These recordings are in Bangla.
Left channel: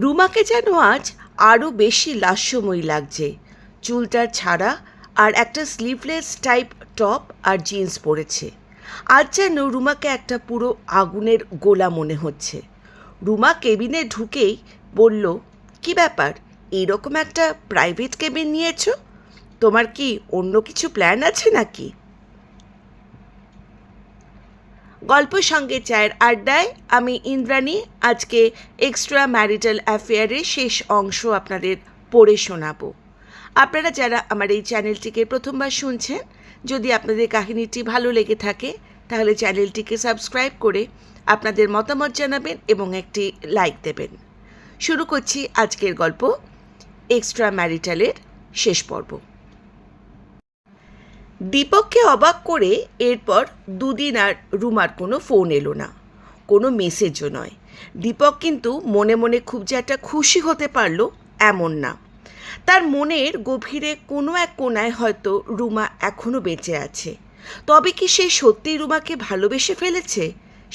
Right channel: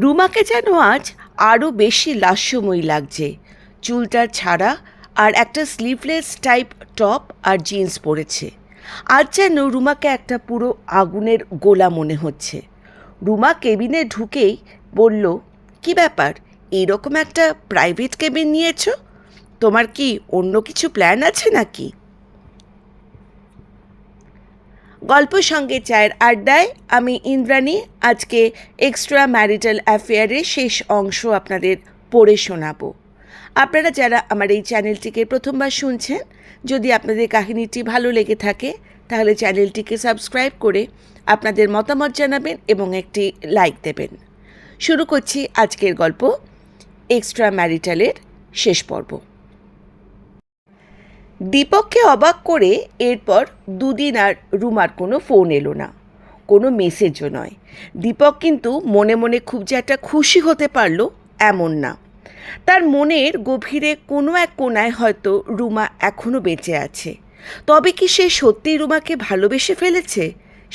রুমাকে যেন আজ আরও বেশি লাস্যময়ী লাগছে। চুলটা ছাড়া আর একটা স্লিভলেস টাইপ টপ আর জিন্স পরেছে। আজ যেন রুমাকে একটা পুরো আগুনের গোলা মনে হচ্ছে। রুমা কেবিনে ঢুকেই বলল, কি ব্যাপার, এইরকম একটা প্রাইভেট কেবিন নিয়েছ? তোমার কি অন্য কিছু প্ল্যান আছে নাকি? গল্প সঙ্গে চায়ের আড্ডায় আমি ইন্দ্রাণী আজকে এক্সট্রা ম্যারিটাল অ্যাফেয়ারের শেষ অংশ আপনাদের পড়ে শোনাবো। আপনারা যারা আমার এই চ্যানেলটিকে প্রথমবার শুনছেন, যদি আপনাদের কাহিনীটি ভালো লেগে থাকে তাহলে চ্যানেলটিকে সাবস্ক্রাইব করে আপনাদের মতামত জানাবেন এবং একটি লাইক দেবেন। শুরু করছি আজকের গল্প, এক্সট্রা ম্যারিটালের শেষ পর্ব। দীপককে অবাক করে এরপর দুদিন আর রুমার কোনো ফোন এলো না, কোনো মেসেজও নয়। দীপক কিন্তু মনে মনে খুব যে একটা খুশি হতে পারলো এমন না। তার মনের গভীরে কোনো এক কোণায় হয়তো রুমা এখনও বেঁচে আছে। তবে কি সে সত্যিই রুমাকে ভালোবেসে ফেলেছে?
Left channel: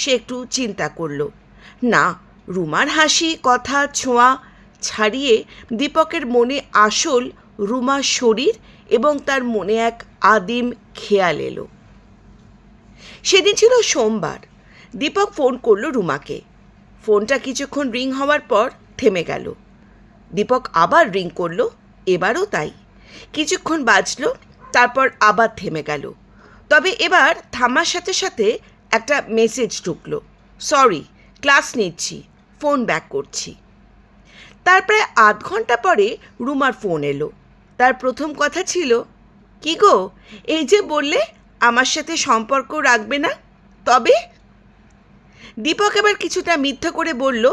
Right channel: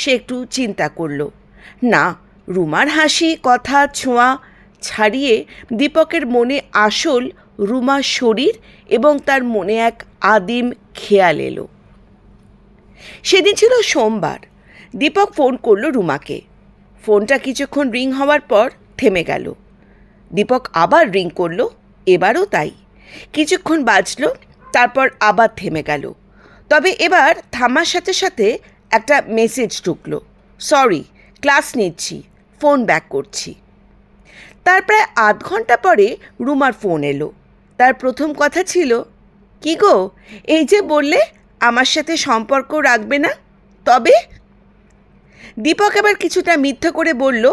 সে একটু চিন্তা করল। না, রুমার হাসি, কথা, ছোঁয়া ছাড়িয়ে দীপকের মনে আসল রুমার শরীর এবং তার মনে এক আদিম খেয়াল এলো। সেদিন ছিল সোমবার। দীপক ফোন করলো রুমাকে। ফোনটা কিছুক্ষণ রিং হওয়ার পর থেমে গেল। দীপক আবার রিং করলো, এবারও তাই। কিছুক্ষণ বাজলো, তারপর আবার থেমে গেল। তবে এবার থামার সাথে সাথে একটা মেসেজ ঢুকলো, সরি, ক্লাস নিচ্ছি, ফোন ব্যাক করছি। তার প্রায় আধ ঘন্টা পরে রুমার ফোন এলো। তার প্রথম কথা ছিল, কি গো, এই যে বললে আমার সাথে সম্পর্ক রাখবে না, তবে? দীপক এবার কিছুটা মিথ্যা করে বলল,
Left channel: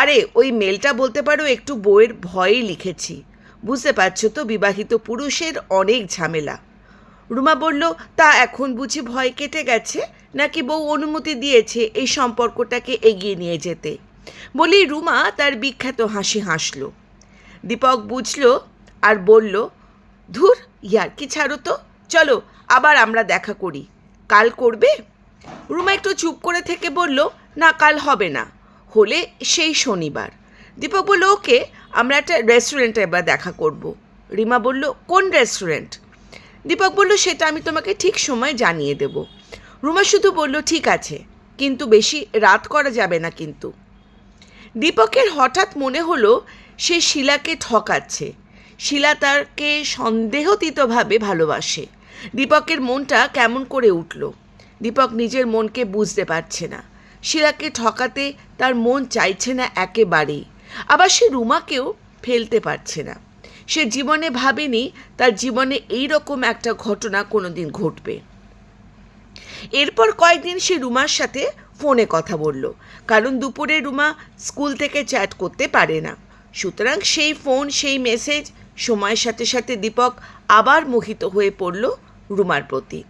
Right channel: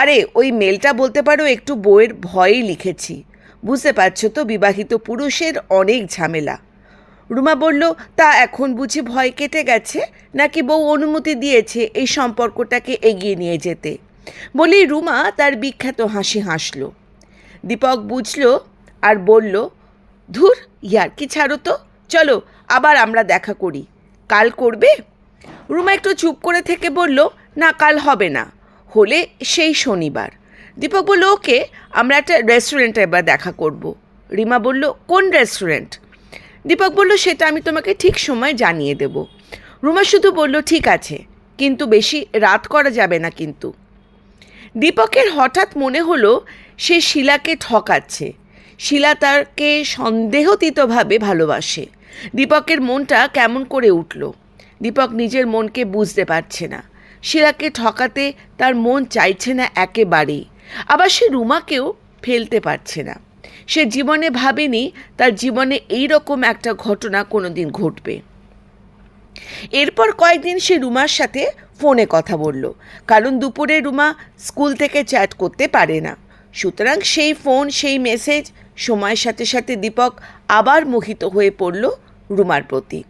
আরে ওই মেলটা বলতে পারো একটু বউয়ের ভয়েই লিখেছি, বুঝতে পারছো তো বিবাহিত পুরুষের অনেক ঝামেলা। রুমা বলল, তা এখন বুঝি ভয় কেটে গেছে, নাকি বউ অনুমতি দিয়েছে এই সম্পর্কটাকে এগিয়ে নিয়ে যেতে? বলি রুমা তার বিখ্যাত হাসি হাসল। দীপক বুঝল আর বলল, ধুর, ইয়ার্কি ছাড়ো তো, চলো আবার আমরা দেখা করি। কাল করবে? রুমা একটু চুপ করে থেকে বলল, না কাল হবে না, হলে সেই শনিবার। দীপক বলল, ওকে, আমরা একটা রেস্টুরেন্টে এবার দেখা করব। রিমা বলল, কোন রেস্টুরেন্ট? দীপক বলল, সেটা আমি তোমাকে ঠিক সময় জানিয়ে দেব। রুমা শুধু বলল, ঠিক আছে, কিন্তু বেশি রাত করা যাবে না কিন্তু। দীপকের হঠাৎ মনে হলো সে শিলাকে ঠকাচ্ছে। শিলা তাকে সন্দেহতীতভাবে ভালোবাসে। দীপকের মনটা কেমন করে উঠল। দীপক নিজের মনকে বুঝতে পারছে না। শিলাকে ঠকাতে তার মন চাইছে না একেবারেই। আবার সে রুমাকেও ফেলতে পারছে না। সে জীবনে ভাবেনি তার জীবনে এই রকম একটা ঘটনা কোনোদিন ঘটবে। এরপর কয়েকদিন সে রুমার সাথে ফোনে কথা বলল, কারণ দুপুরে রুমা স্কুল থেকে চ্যাট করতে পারে না। সুতরাং সেই ফোন, সেই মেসেজ, সময়ের সাথে সাথে দীপক আবার মোহিত হয়ে পড়ল রুমার প্রতি।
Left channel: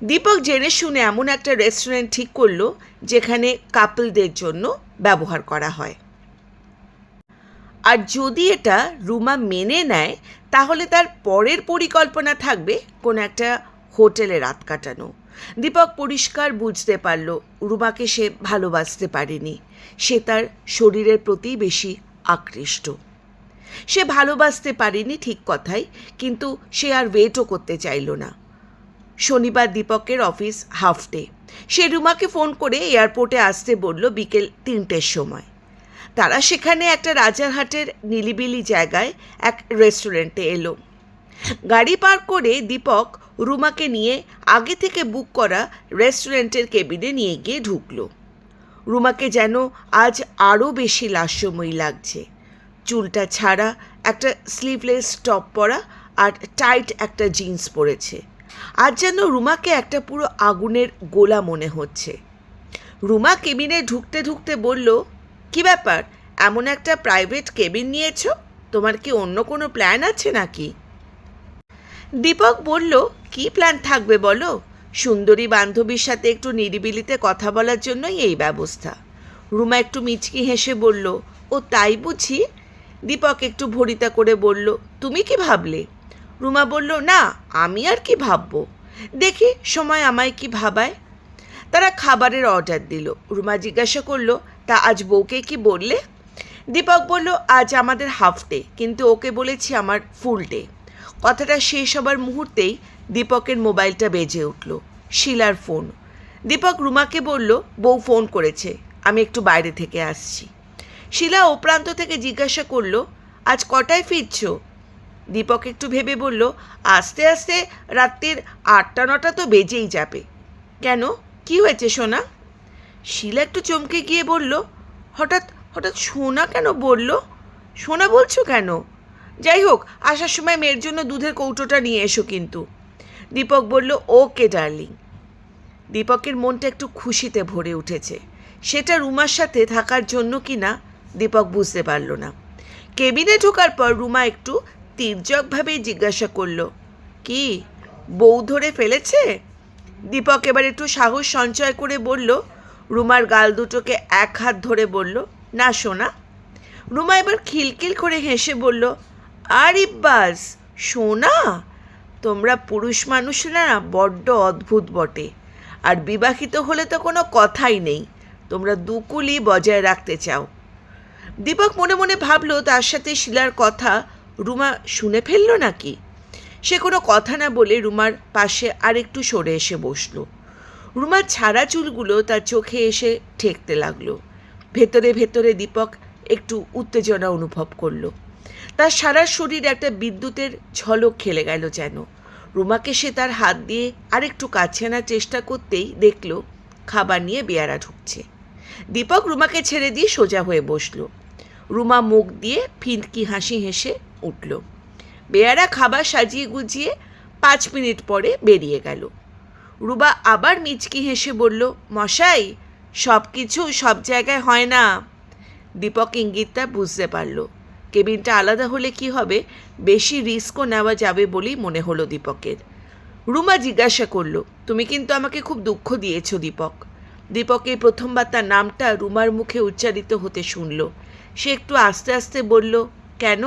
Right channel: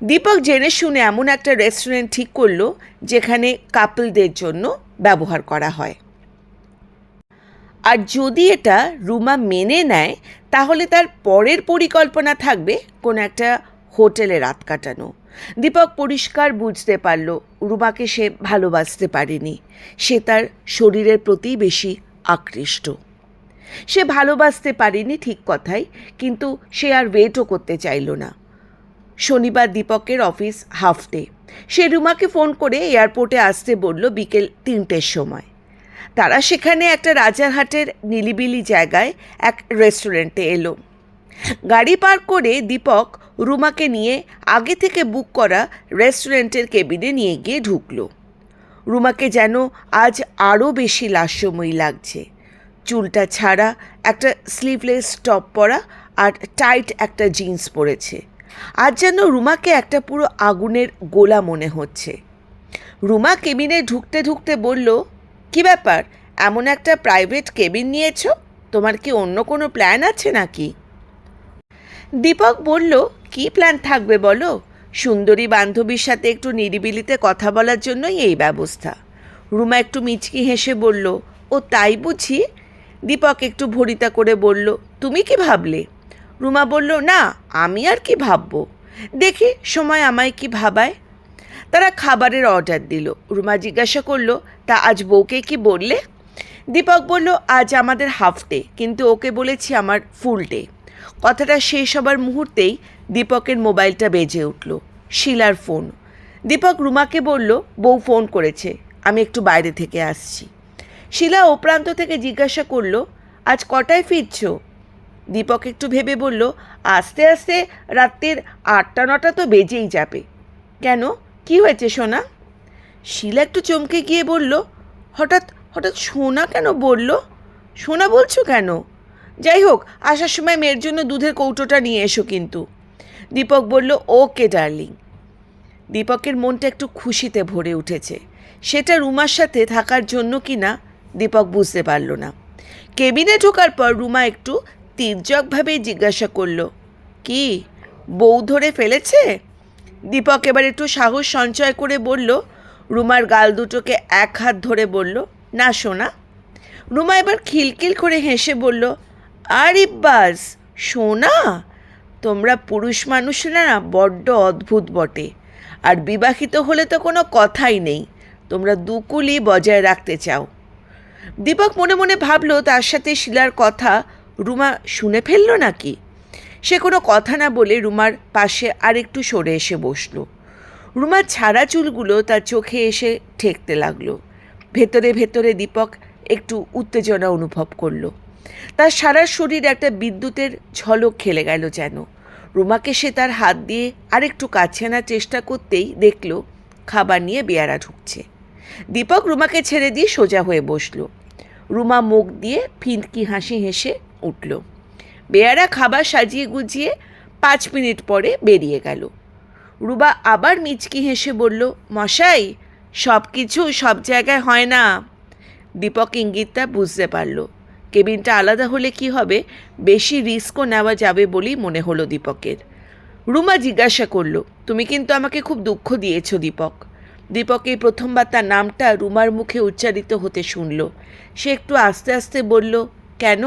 দীপক জেনে শুনে এমন একটা রেস্টুরেন্ট ঠিক করলো যেখানে কাপলদের জন্য ব্যবহার করা হয়। আর যদি এটা রুমা মেনে নেয় তাহলে তার পরের পরিকল্পনা থাকবে কোনো একটা হোটেলে রাত কাটানো। দীপক পরিষ্কার বুঝতে পারল রুমাকে সে ভালোবাসতে পারেনি। সে তার শরীরের প্রতি বেশি আকৃষ্ট। সে ভালোবাসতে পারেনি ঠিক কথাই, কিন্তু সে আর ওয়েটও করতে চাইল না। শনিবার দীপকের অফিস হাফ ডে। সে রুমাকে ফোন করে এয়ারপোর্টে আসতে বলল বিকেল 3টের সময়। তারা সেখানে একটা রাজারহাটের নিলিবিলি জায়গায় এক রেস্টুরেন্টে এলো। গাড়ি পার্ক করে দীপক রুমাকে নিয়ে আগে থেকে বুক করা রেস্টুরেন্টের কেবিনে নিয়ে গিয়ে ঢুকলো। রুমাকে যেন আজ আরও বেশি লাস্যময়ী লাগছে। চুলটা ছাড়া, একটা স্লিভলেস টপ পরা আর টাইট একটা জিন্স পরেছে। আজ যেন রুমাকে একটা পুরো আগুনের গোলা মনে হচ্ছে। রুমা কেবিনে ঢুকতে ঢুকতে বলল, কি ব্যাপার, এমন একটা প্রাইভেট কেবিন নিয়েছো? তোমার কি অন্য কোনো প্ল্যান আছে নাকি? দীপক বলল, কি প্ল্যান থাকবে বলো, সুন্দরী বান্ধবীর সাথে একটু নিরিবিলিতে কথা বলার জন্যই এই ব্যবস্থা। রুমা একটু মিচকি হেসে বলল, ও তাই বুঝি? দীপক একটু ভরিতা করে বলল, তুমি কি ভাবলে? রুমা বলল, না, আমি আর কি ভাববো, দেখি সময় আমায় কি ভাবায়। তারা খাবারের অর্ডার দিল। রুমা জিজ্ঞাসা করল, তা আজ বউকে কি বললে? দীপক বলল, আজ আমাদের হাফ ডে, কিন্তু ওকে বলেছি আমার ফুল ডে। কথাটা শেষ হবার মুহূর্তেই দীপকের মোবাইলটা বেজে উঠল। শিলার ফোন। দীপক রুমাকে বলল, বউ ফোন করেছে, আমি একটু বাইরে থেকে আসছি। শিলা ও প্রান্ত থেকে জিজ্ঞাসা করল, আজ কটায় ফিরছ? দীপক একটু ভেবে বলল, আস্তে আস্তে রাত্রির 8-9 তো বেজেই যাবে। কেন, কি হয়েছে সোনা? শিলা একটু চমকে গিয়ে বলল, হঠাৎ হঠাৎ সোনা কেন বলল? সোনা বলছো কেন? যাই হোক, আসার সময় মেয়ের জন্য দুধের কৌটোটা নিয়ে এসো কিন্তু। দীপক বলল, ওকে ডার্লিং। দীপকের মনটা একটু খুশিতে ভরে উঠেছে। সেটা রুমার সাথে থাকার জন্য কি না দীপক বুঝতে পারল না। কেবিনে ঢোকার পর রুমা একটু তির্যকভাবেই জিজ্ঞাসা করল, কি বউ ধরে ফেলেছে? দীপক এবার একটু সাহস সঞ্চয় করে বলল, রুমার গাল দুটোকে এক হাত ধরে বলল, না সোনা। রুমা এবার খিলখিল করে হেসে বলল, আরে বাস সোনা, তোমরা পুরুষ মানুষরা না বড্ড অদ্ভুত বটে। আর বিবাহিত হলে তো কোনো কথাই নেই, তোমরা দুকুলি বজায় রাখতে চাও। দীপক মনে মনে ভাবল, তার সাথে শিলার কথা রুমা শুনে ফেলল নাকি। সে কোনো কথা না বলে রুমার পাশে আরেকটু সরে এসে বসল। রুমার ছাড়া চুলগুলো তার চোখে এসে ঠেকতে লাগলো। ভেতরে ভেতরে দীপক একটু উত্তেজনা অনুভব করলো। তার সারা শরীর একটা বিদ্যুতের ঝলক খেলে গেল যেন। রুমাকে সে তার হাত দিয়ে আরেকটু কাছে আনার চেষ্টা করতেই দেখল খাবার নিয়ে বেয়ারা ঢুকছে। দীপক রুমাকে ছেড়ে দিয়ে সোজা হয়ে বসল। রুমা মুখ দিয়ে ফিনকি হাসি হেসে উঠল। বেয়ারা খাবার সাজিয়ে গুজিয়ে 5 মিনিট পরে বেরিয়ে গেল। রুবা আবার মিচকি হেসে বলল, মশাই, সব কিছু সব জায়গায় হয় না। দীপক ইঙ্গিতটা বুঝতে পারল। কেবিনটা আলাদা হলে কি হবে, বেশি রিস্কও নেওয়া যাবে বলেই মনে হলো দীপকের। রুমা জিজ্ঞাসা করলো, তুমি কিন্তু আমাকে খুব দুঃখ দিয়েছ দীপক। দীপকের প্রথমবার তার নামটা রুমার মুখে উচ্চারিত হতে শুনল। সে একটু আস্তে আস্তে বলল, কেন?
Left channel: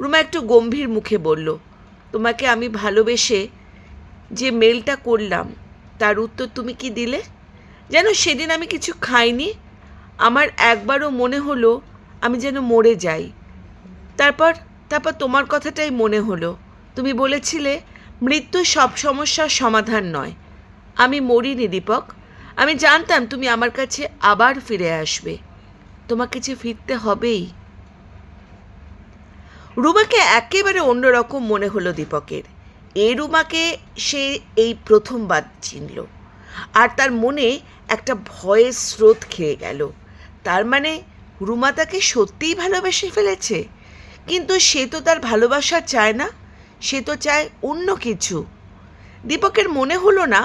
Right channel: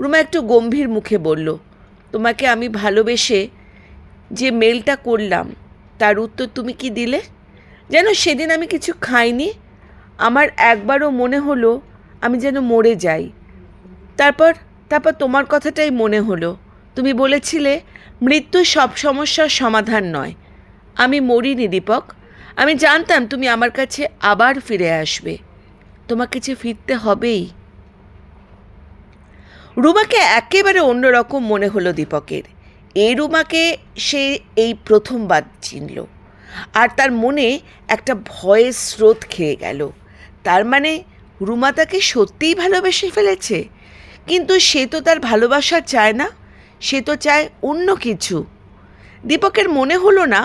রুমা একটু গম্ভীর মুখে বলল, তোমাকে আমি ভালোবেসে যে মেলটা করলাম তার উত্তর তুমি কি দিলে? যেন সেদিন আমি কিছু খাইনি। আমার একবারও মনে হলো আমি যেন মরে যাই। তারপর তারপর তোমার কথাটাই মনে হলো। তুমি বলেছিলে মৃত্যু সব সমস্যার সমাধান নয়। আমি মরিনি দীপক। আমি জানতাম তুমি আমার কাছে আবার ফিরে আসবে। তোমাকে যে ফিরতে হবেই। রুমাকে একেবারে অন্যরকম মনে হলো দীপকের। এই রুমাকে সে এই প্রথমবার চিনল। আর তার মনে একটা ভয়ের স্রোত খেয়ে গেল। তার মানে রুমা তাকে সত্যিই ভালোবেসে ফেলেছে। কিন্তু সে তো তার ভালোবাসা চায় না, সে তো চায় অন্য কিছু। দীপকের মনে হলো না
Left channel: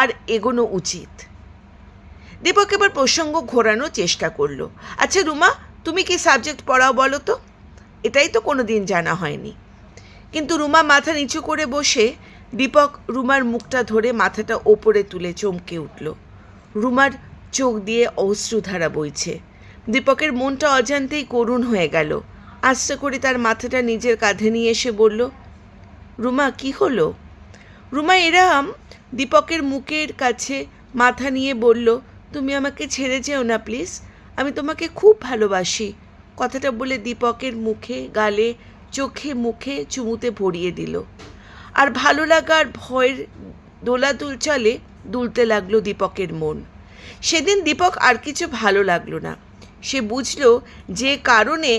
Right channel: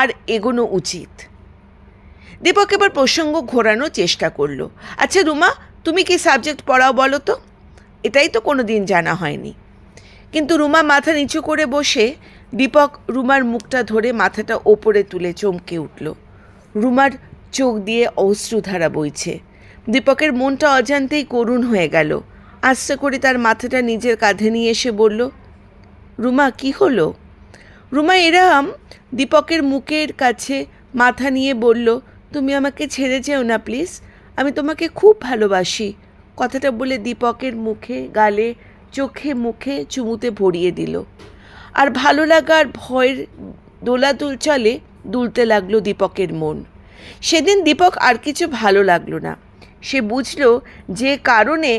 আর এগোনো উচিত। দীপক এবার প্রসঙ্গ ঘোরানোর চেষ্টা করলো, আচ্ছা রুমা, তুমি কি সাবজেক্ট পড়াও বলো তো? এটাই তো কোনো দিন জানা হয়নি। কিন্তু রুমা মাথা নিচু করে বসে। দীপক রুমার মুখটা ধরে মাথাটা ওপরে তুলে চমকে উঠল। রুমার চোখ দিয়ে অশ্রুধারা বইছে। দীপকের মনটা অজান্তেই করুণ হয়ে গেল। আস্তে করে তার মাথাটা নিজের কাঁধে নিয়ে এসে বলল, রুমা কি হলো? রুমা এরম দীপকের মুখের কাছে মাথা নিয়ে বলল, তুমি আমাকে ছেড়ে যেও না প্লিজ, আমি তোমাকে খুব ভালোবাসি। কথাটা বলে দীপকের মুখে, গালে, চোখে মুখে চুমুতে ভরিয়ে দিল। আর ভালো লাগার ভয়ের দোলাদুল চলে দুলতে লাগলো দীপকের মন। সেদিন দীপক আর কিছু ভালো লাগলো না। সে বুঝল যে কারণে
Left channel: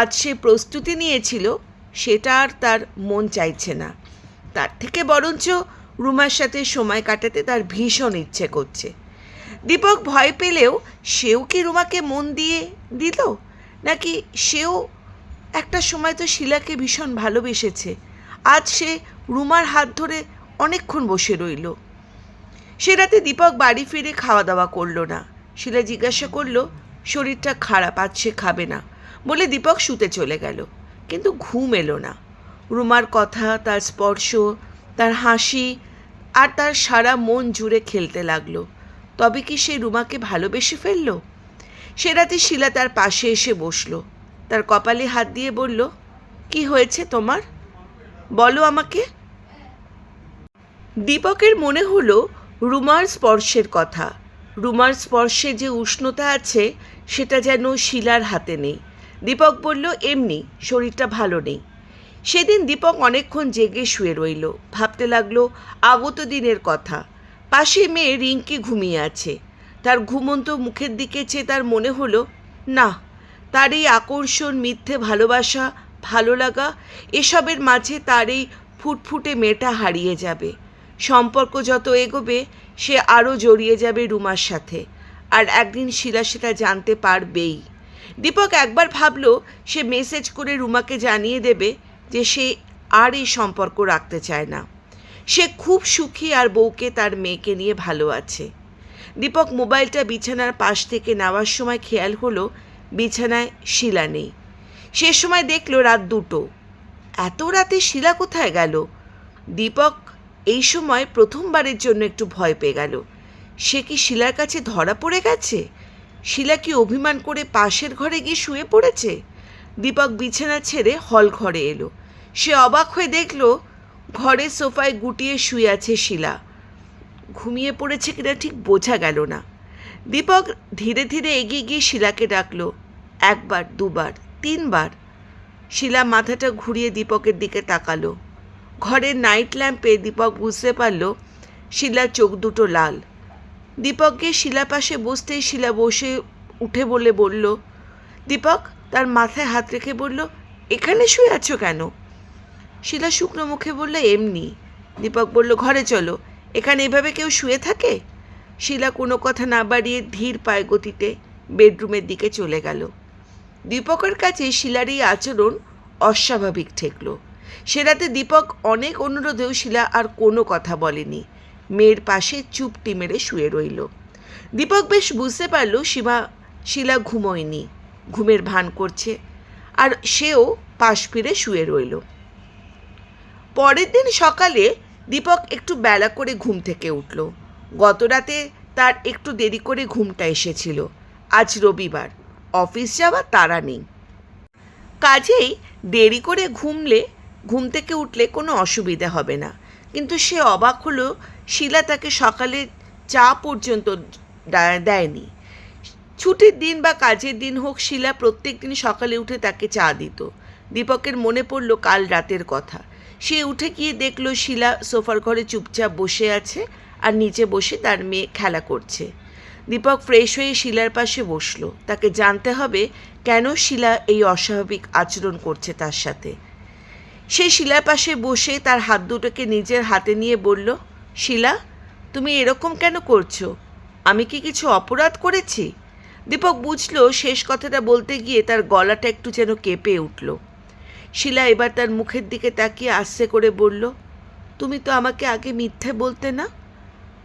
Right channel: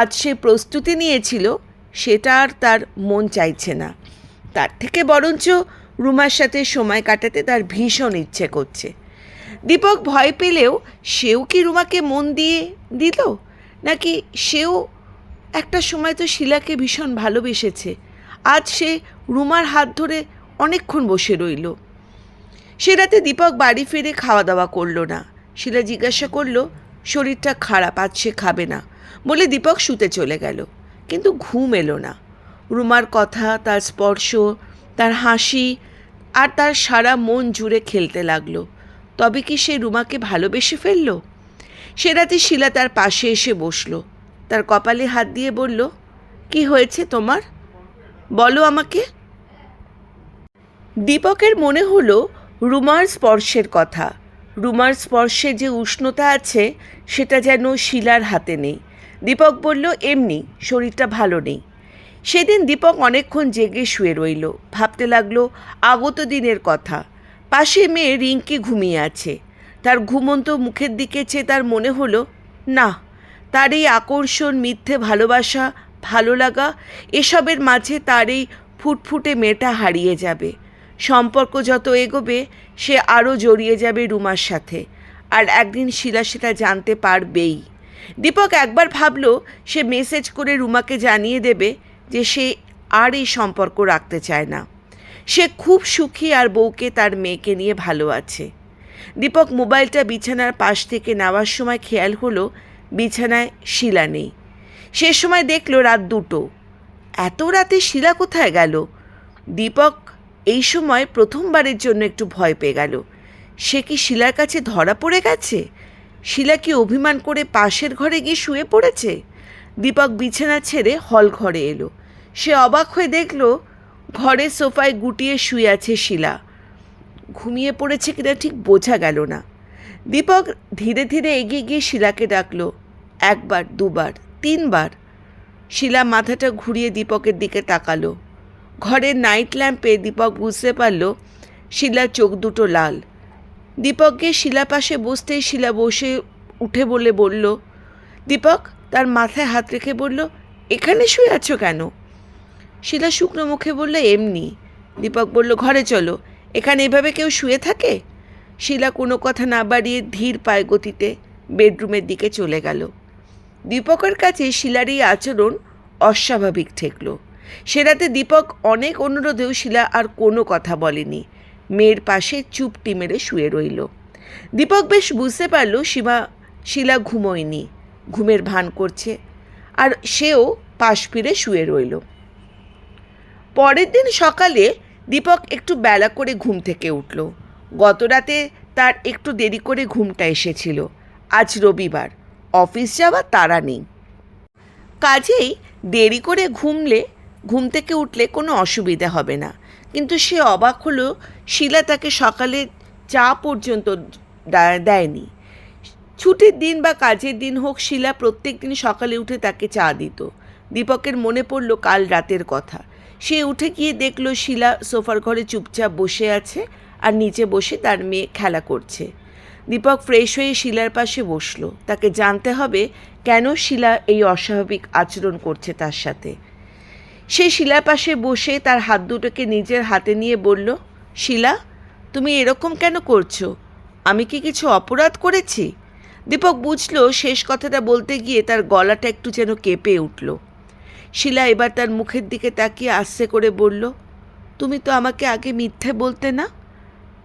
আজ সে প্রস্তুতি নিয়েছিল সেটা আর তার মন চাইছে না। তার থেকে বরঞ্চ রুমার সাথে সময় কাটাতে তার ভীষণ ইচ্ছে করছে। দীপক ভয় পেলেও সেও কি রুমাকে মন দিয়ে দিল, নাকি সেও একটা সময় তো শিলাকে ভীষণ ভালোবেসেছে। আজ সে রুমার হাত ধরে অনেকক্ষণ বসে রইল। সে রাতে দীপক বাড়ি ফিরে খাওয়া দাওয়া করলো না। শিলা জিজ্ঞাসা করলো, শরীরটা খারাপ, আজ সে খাবে না বলে দীপক শুতে চলে গেল। কিন্তু ঘুম এলো না। রুমার কথা, তার স্পর্শ, তার হাসি আর তার সারা মন জুড়ে খেলতে লাগলো। তবে কি সে রুমাকে ভালোবেসে ফেলল? সে রাতে শিলা তার পাশে এসে বসলো। তার কপালে হাত দিয়ে বলল, কি হয়েছে তোমার, বলো আমাকে। দীপকের মনে হলো রুমার স্পর্শের কথা। রুমার স্পর্শে যে উষ্ণতা আছে সেটা যেন শিলার হাতে নেই। দীপক বলল, এমনি, শরীরটা ভালো নেই। সেদিন দীপক অনেকক্ষণ জেগে শুয়ে রইল, ভাবতে লাগলো আগত দিনের কথা। পাশে মেয়ে রিঙ্কি ঘুমিয়ে আছে। তার ঘুমন্ত মুখের দিকে চেয়ে তার মনে হলো, না, তার এই আকর্ষণ, মিথ্যে ভালোবাসা, ভালো লাগা, এসবের মাঝে তার এই ফুটফুটে মেয়েটা হারিয়ে যাবে। সম্পর্ক যত এগোবে সে আরও জড়িয়ে যাবে রুমার সাথে, আর একদিন শিলা সেটা জানতে পারবেই। দীপক একবার ভাবল সে মেসেজ করে রুমাকে জানিয়ে দেবে যে সে আর এই সম্পর্ক রাখতে চায় না। সে খুব সুখী আর বউকে, তার মেয়েকে নিয়ে ভালো আছে। দীপক মোবাইলটা বিছানার পাশ থেকে নেওয়ার সময় খেয়াল হলো বিছানায় শিলা নেই। সে সময় দেখল রাত 2টো। এত রাতে শিলা কোথায় গেল? দীপক এই সময় প্রথমবারের জন্য একটু ভয় পেয়ে গেল। সে কি শিলার কাছে ধরা পড়ে গেছে? শিলা কি অভিমান করে পাশের ঘরে গিয়ে শুয়ে পড়েছে? দীপক বিছানা ছেড়ে হল ঘরে এলো। সে অবাক হয়ে দেখল ঘরের সোফায় গুটিয়ে শুয়ে আছে শিলা। ঘুমিয়ে পড়েছে কিনা ঠিক বোঝা গেল না। দীপক ধীরে ধীরে এগিয়ে গিয়ে শিলাকে ডাকলো। 1বার, 2বার, 3বার। শিলা মাথাটা ঘুরিয়ে দীপকের দিকে তাকালো। ঘরের নাইট ল্যাম্পে দীপক বুঝতে পারল শিলার চোখ দুটো লাল। দীপককে শিলা পাশে বসতেই শিলা বসে উঠে বলল, দীপক তার মাথায় হাত রেখে বলল, এখানে শুয়ে আছো কেন? শিলা শুকনো মুখে বলল, এমনি। দীপক বলল, ঘরে চলো, এখানে এভাবে কেউ শুয়ে থাকে? শিলা কোনো কথা না বাড়িয়ে ধীর পায়ে গতিতে বেডরুমের দিকে চলে গেল। দীপকের কাছে শিলার এই আচরণ অস্বাভাবিক ঠেকল। সে রাতে দীপক অনেক অনুরোধেও শিলা আর কোনো কথা বলেনি। মেয়ের পাশে চুপটি মেরে শুয়ে রইল। দীপক বেশ বুঝতে পারল শিলা ঘুমোয়নি, ঘুমের ভান করছে, আর সেও পাশ ফিরে শুয়ে রইল। পরের দিন সকালে দীপক একটু বেলা করে ঘুম থেকে উঠল। গত রাতে তার একটু দেরি করে ঘুমটা এসেছিল। আজ রবিবার, অফিস যাওয়ার তাড়া নেই। কাজেই দেরি করে ঘুম থেকে উঠলে কোনো অসুবিধা হবে না। কিন্তু সে অবাক হলো শিলা তাকে সকালে চা পর্যন্ত দেয়নি। ছুটির দিন বা কাজের দিন হোক, শিলা প্রত্যেক দিন সকালে উঠে তাকে চা দিত। দীপকের মনে পড়ল কাল রাতের কথা। সে উঠে গিয়ে দেখল শিলা সোফার ঘরে চুপচাপ বসে আছে আর নিচে বসে তার মেয়ে খেলা করছে। দীপক ফ্রেশ হয়ে শিলার পাশে বসলো। তাকে জানতে হবে কেন শিলা এই অস্বাভাবিক আচরণ করছে তার সাথে। সে শিলার পাশে বসে তার হাত দুটোকে নিজের হাতে নিয়ে বলল, শিলা, তুমি এরকম কেন করছো? আমি কি কিছু অপরাধ করেছি? দীপক বুঝল শেষ কথাটা বলতে গিয়ে তার গলাটা একটু যেন কেঁপে উঠল। শিলা এবার তার মুখের দিকে তাকিয়ে আস্তে করে বলল, তুমি তো আমাকে আগে মিথ্যে বলতে না?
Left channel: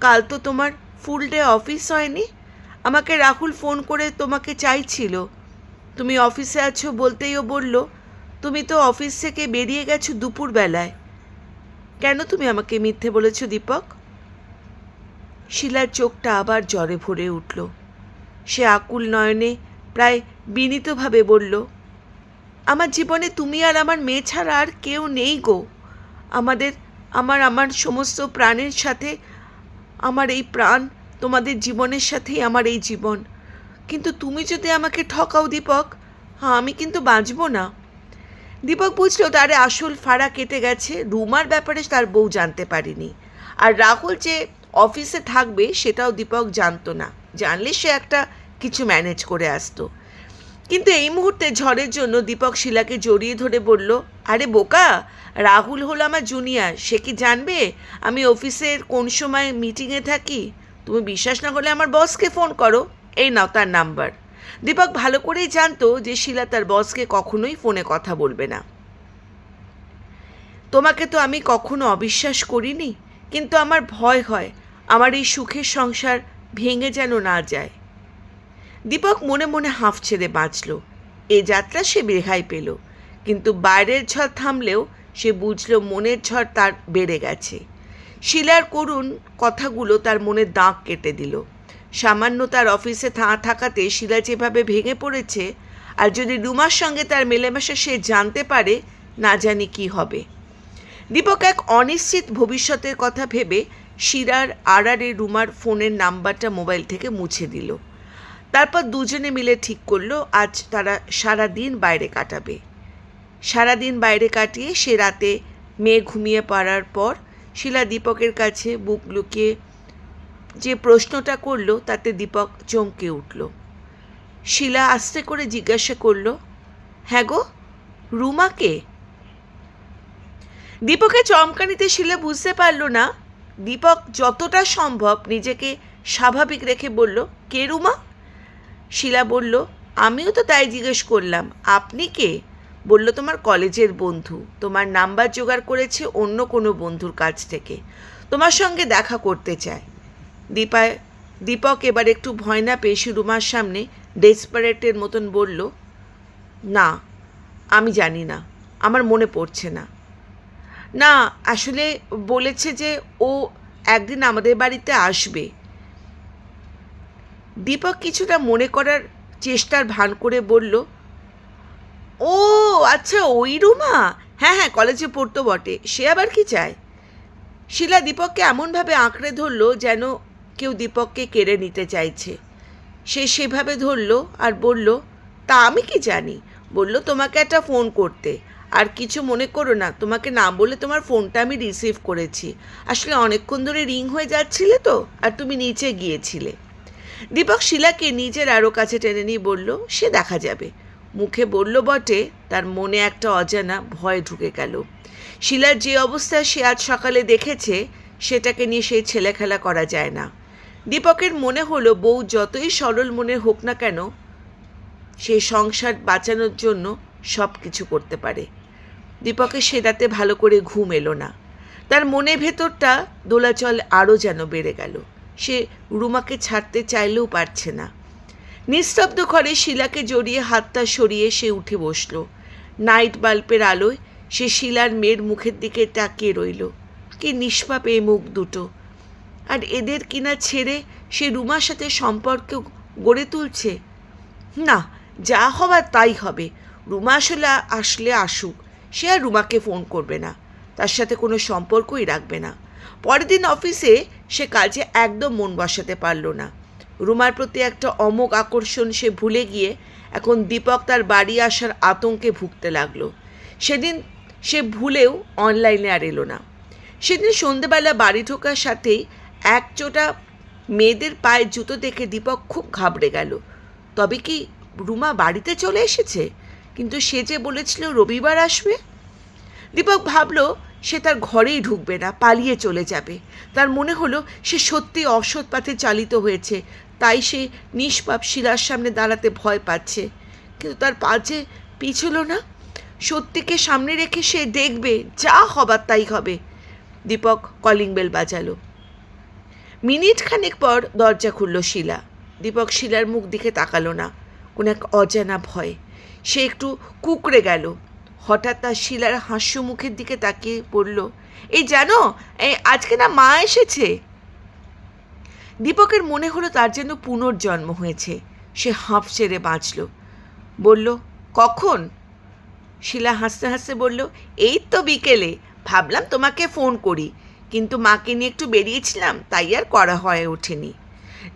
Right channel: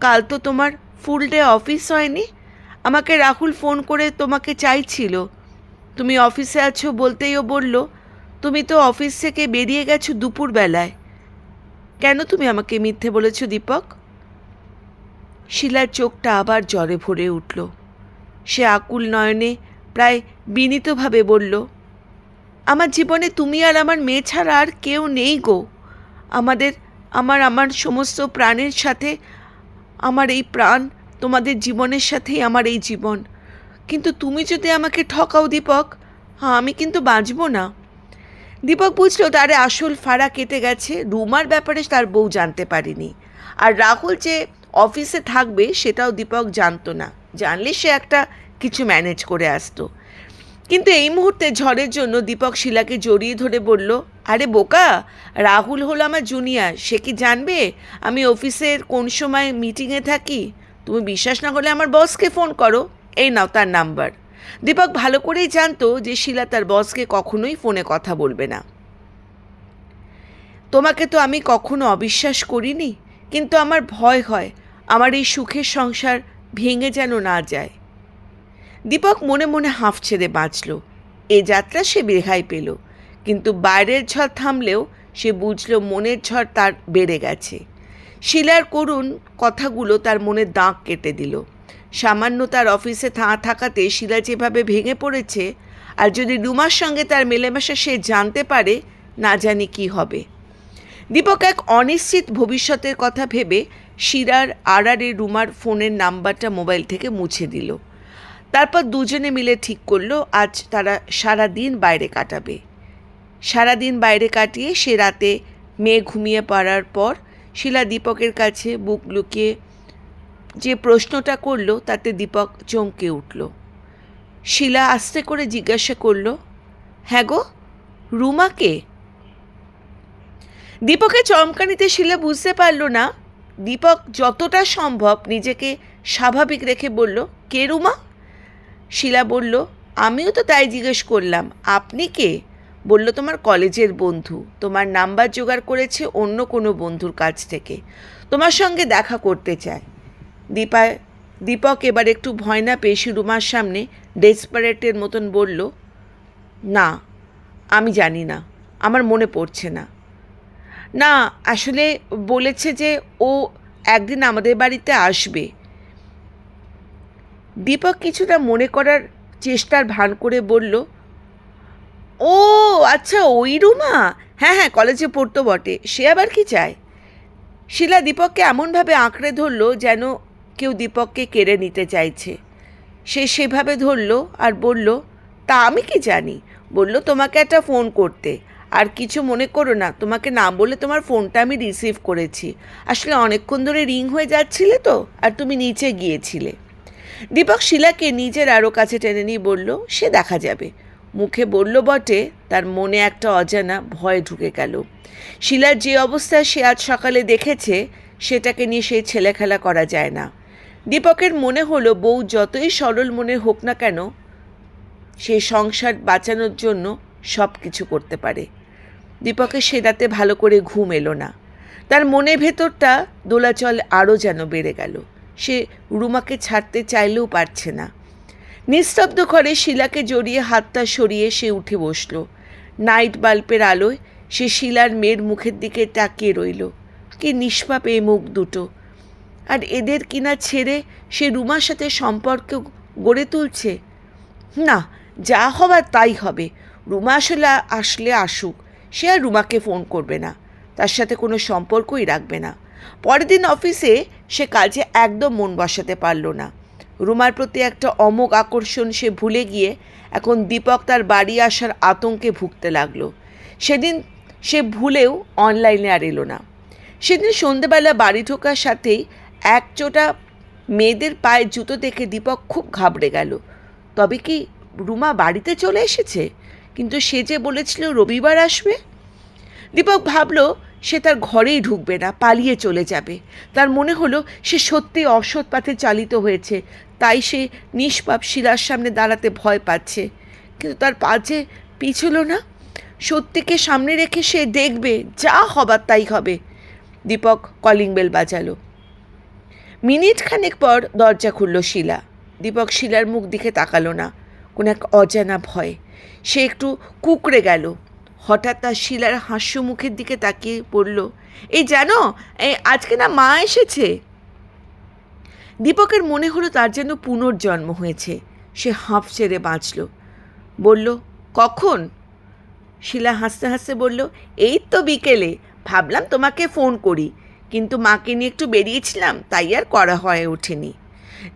কাল তো তোমার ফুল ডে অফিস হয়নি। আমাকে রাহুল ফোন করে তোমাকে চাইছিল। তুমি অফিসে আছো বলতেই ও বলল, তুমি তো অফিস থেকে বেরিয়ে গেছো দুপুরবেলায়। কেন তুমি আমাকে মিথ্যে বলেছো দীপক? শিলার চোখটা আবার জ্বরে ভরে উঠল। সে আকুল নয়নে প্রায় বিনীতভাবে বলল, আমার জীবনে তুমি আর আমার মেয়ে ছাড়া আর কেউ নেই গো। আমার সমস্ত প্রাণের সাথে আমার এই প্রাণ, তোমাদের জীবনের সাথেই আমার এই জীবন। কিন্তু তুমি যদি আমাকে ঠকাও দীপক, আমি কিন্তু বাঁচব না। দীপক বুঝল তার আসল ফাড়া কেটে গেছে। রুমার ব্যাপারে তার বউ জানতে পারেনি, আর রাহুল যে অফিসে থাকবে সেটাও দীপক জানতো না। জানলে সে একটা কিছু ম্যানেজ করে আসতো। কিন্তু এই মুহূর্তে ঝড়ের জন্য দীপক শিলাকে জড়িয়ে ধরে বলল, আরে বোকা, রাহুল হলো আমার জুনিয়র, সে কি জানবে আমি অফিসের কোন সময় মিটিংয়ে থাকি? তুমি বিশ্বাস না করলে আমার বসকে ফোন করো, এই নাও তার নাম্বার। দীপক ভালো করেই জানতো যে শিলা তার বসকে কখনোই ফোনে কথা বলবে না। তোমাকে তো আমি কখনো অবিশ্বাস করিনি, কিন্তু আমার ভয় হয় আমার এই সুখের সংসার ভেঙে যেন না যায়। দীপক মনে মনে হাঁফ ছেড়ে বাঁচল। এ যাত্রা সে রেহাই পেল, কিন্তু বাইরের ঝড় থামলেও সে বুঝল মনের ঝড় তার বেড়ে গেছে। শিলার করুণ কথাগুলো তার মনে দাগ কেটে দিল। সামান্য তার অফিসে থাকাতে শিলা যেভাবে ভেঙে পড়েছে, আর যদি রুমার সঙ্গে তার মেলামেশা সে জানতে পারে, না জানি কি হবে। দীপক এক অনিশ্চিত ভবিষ্যতের কথা ভেবে শিলার আড়ারে রুমার ফোনের নাম্বারটা মোবাইল থেকে মুছে দিল। তারপর দুজনে মিলে ঠিক করলো আজ তারা সারা দিন বাইরে কাটাবে। সারাদিন বাইরে কাটিয়ে সে রাতে মেয়ে ঘুমিয়ে পড়ার পর শিলা দীপকের কাছে বুক লুকিয়ে যে প্রশ্নটা করলো তাতে দীপক চমকে উঠল। শিলা আস্তে করে জিজ্ঞাসা করলো, হ্যাঁ গো, রুমাকে? দীপকের চমকানিতে শিলা বুঝতে পারল না। দীপক যতটা সম্ভব নিজেকে স্বাভাবিক রেখে বলল, কে রুমা? শিলা বলল, আমিও তো তাই জিজ্ঞেস করলাম, আপনি কে? বলল, তোমার কলেজের বন্ধু, তোমার নাম্বার জোগাড় করেছে অন্য কোনো বন্ধুর কাছ থেকে, তোমার সঙ্গে দেখা করতে চায়। দীপক এবার একটু ভয় না পেয়ে রুমার সামনে ডেসপারেটের মতন বলল, না, আমি জানি না, আমার মনে পড়ছে না। না, আসলে বলেছে যে ও একদিন আমাদের বাড়িতে আসবে। দীপক কিছুটা মনে করার চেষ্টার ভান করে বলল, ও আচ্ছা, ওই রুমা, হ্যাঁ হ্যাঁ, কলেজে পড়তো বটে, সে আবার কি চায়? শিলা দীপককে এমনভাবে আঁকড়ে ধরল যেন কেউ দীপককে কেড়ে নিতে চাইছে। সে সেভাবে ধরল আর বলল, তা আমি কি জানি? বলল তোমাকে একটা ফোন করতে। আর কিছু মনে করো না, তোমাকে না বলে তোমার ফোনটা আমি রিসিভ করেছি। আসলে অনেকক্ষণ ধরে রিং হয়ে যাচ্ছিলে তো, আর তুমি নিচে গিয়েছিলে। দীপক শিলাকে নিজের আরও কাছে টেনে নিয়ে বলল, সে দেখা যাবে। মুখে বলল বটে, তার মনে একটা অজানা ভয় ঢুকে গেল। শিলার যে অবস্থা সে আজ সকালে দেখেছে, সেটাকে নিয়ে সেই ছেলেখেলা করা যায় না। দীপকের মনে হলো বউ যতই সরল মনে হোক না কেন, সে সংসার বাঁচানোর জন্য সব কিছু করতে পারে। দীপকের সে রাতে ভালো করে ঘুম এলো না। তার মনের ভেতরটা দোলাচল আরও যেন বেড়ে গেল। সে রুমাকে ছাড়তে চাইলেও পারছে না। নিস্তব্ধ ঘরে শিলাকে জড়িয়ে হাতটা সরিয়ে সে উঠে বসল। নাইট বাল্বের আলোয় সে শিলার মেয়ের মুখের দিকে তাকিয়ে রইল। কি নিষ্পাপ এই মুখ দুটো! আর এদের কিনা ছেড়ে সে রুমার সাথে সম্পর্ক গড়ে তুলছে। না, যা হবার তাই হবে। রুমা আসলে আসুক, সে আর রুমাকে ফোন করবে না, তার সাথে কোনো সম্পর্কই রাখবে না। পরের দিন অফিসে সে কাজে একদম মন বসাতে পারল না। রুমার প্রতি একটা অমোঘ আকর্ষণ সে ভুলে গিয়ে এখন দীপক তার বাড়ি আসার আতঙ্কে ভুগতে লাগলো। সেদিন সে ভুলেও অনলাইনে আর এলো না। সেদিন সন্ধেবেলা বাড়ি ঢোকার সাথেই একচোটা মেয়েদের পায়ের জুতো দেখে দীপক খুব ঘাবড়ে গেল। তবে কি রুমা বাড়িতে চলে এসেছে? কিন্তু সে যে বলেছিল রবিবার আসবে। দীপক ভাবল সে তার ঘরেই ঢুকবে না, পালিয়ে চলে যাবে। তার মনে হলো সে সত্যি অসৎ পথে চালিত হয়েছে, তাই সে নিষ্পাপ শিলার সামনে দাঁড়াতে ভয় পাচ্ছে। কিন্তু তার পা যে পিছল না। সত্যিকে সামনে রেখে সে দেখবে, যা হবার তাই হবে। দীপক কলিং বেল বাজালো। মিনিট খানেক পর দরজা খুলল শিলা। দীপক শিলার মুখ দিকে তাকালো না। কোন এক অজানা ভয়। সে একটু কুঁকড়ে গেল। হঠাৎ তার শিলার হাস্য মুখের দিকে তাকিয়ে পড়ল, এই জানো, এই আজকে না মা এসেছে। দীপকের মনে হলো তার যেন পুনর্জন্ম হয়েছে। সে হাঁফ ছেড়ে বাঁচল। বলল, কখন? শিলা হাসতে হাসতে বলল, এই তো বিকেলে। ভাবলাম তোমাকে ফোন করি, কিন্তু মাকে নিয়ে একটু বেরিয়েছিলাম, তাই আর করা হয়ে ওঠেনি।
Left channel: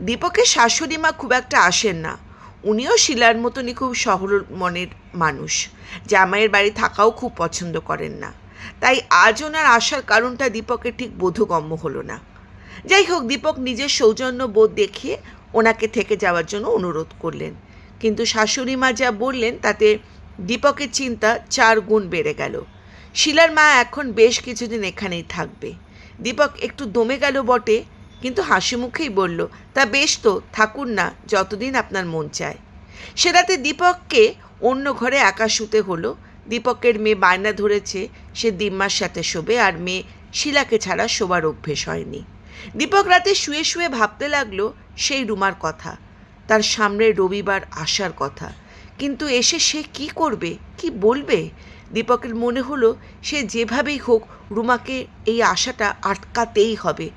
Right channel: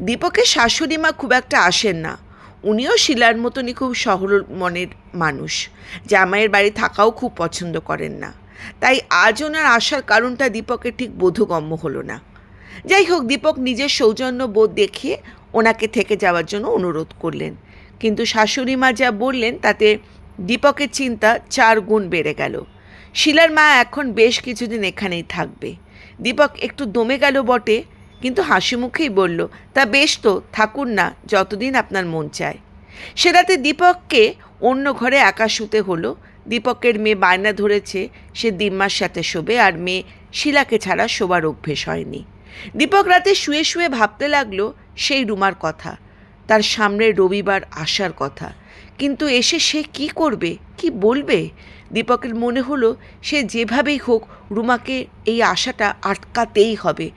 দীপকের শাশুড়ি মা খুব একটা আসেন না। উনিও শিলার মতনই খুব সরল মনের মানুষ। জামাইয়ের বাড়ি থাকাও খুব পছন্দ করেন না। তাই আজ ওনার আসার কারণটা দীপকের ঠিক বোধগম্য হলো না। যাই হোক, দীপক নিজের সৌজন্য বোধ দেখিয়ে ওনাকে থেকে যাওয়ার জন্য অনুরোধ করলেন। কিন্তু শাশুড়ি মা যা বললেন তাতে দীপকের চিন্তা 4 গুণ বেড়ে গেল। শিলার মা এখন বেশ কিছুদিন এখানেই থাকবে। দীপক একটু দমে গেল বটে, কিন্তু হাসি মুখেই বলল, তা বেশ তো, থাকুন না, যতদিন আপনার মন চায়। সে রাতে দীপককে অন্য ঘরে একা শুতে হলো। দীপকের মেয়ে বায়না ধরেছে সে দিম্মার সাথে শোবে, আর মেয়ে শিলাকে ছাড়া শোবার অভ্যেস হয়নি। দীপক রাতে শুয়ে শুয়ে ভাবতে লাগলো সেই রুমার কথা, তার সামনে রবিবার আসার কথা। কিন্তু এসে সে কি করবে, কি বলবে? দীপকের মনে হলো সে যেভাবেই হোক রুমাকে এই আশাটা আটকাতেই হবে,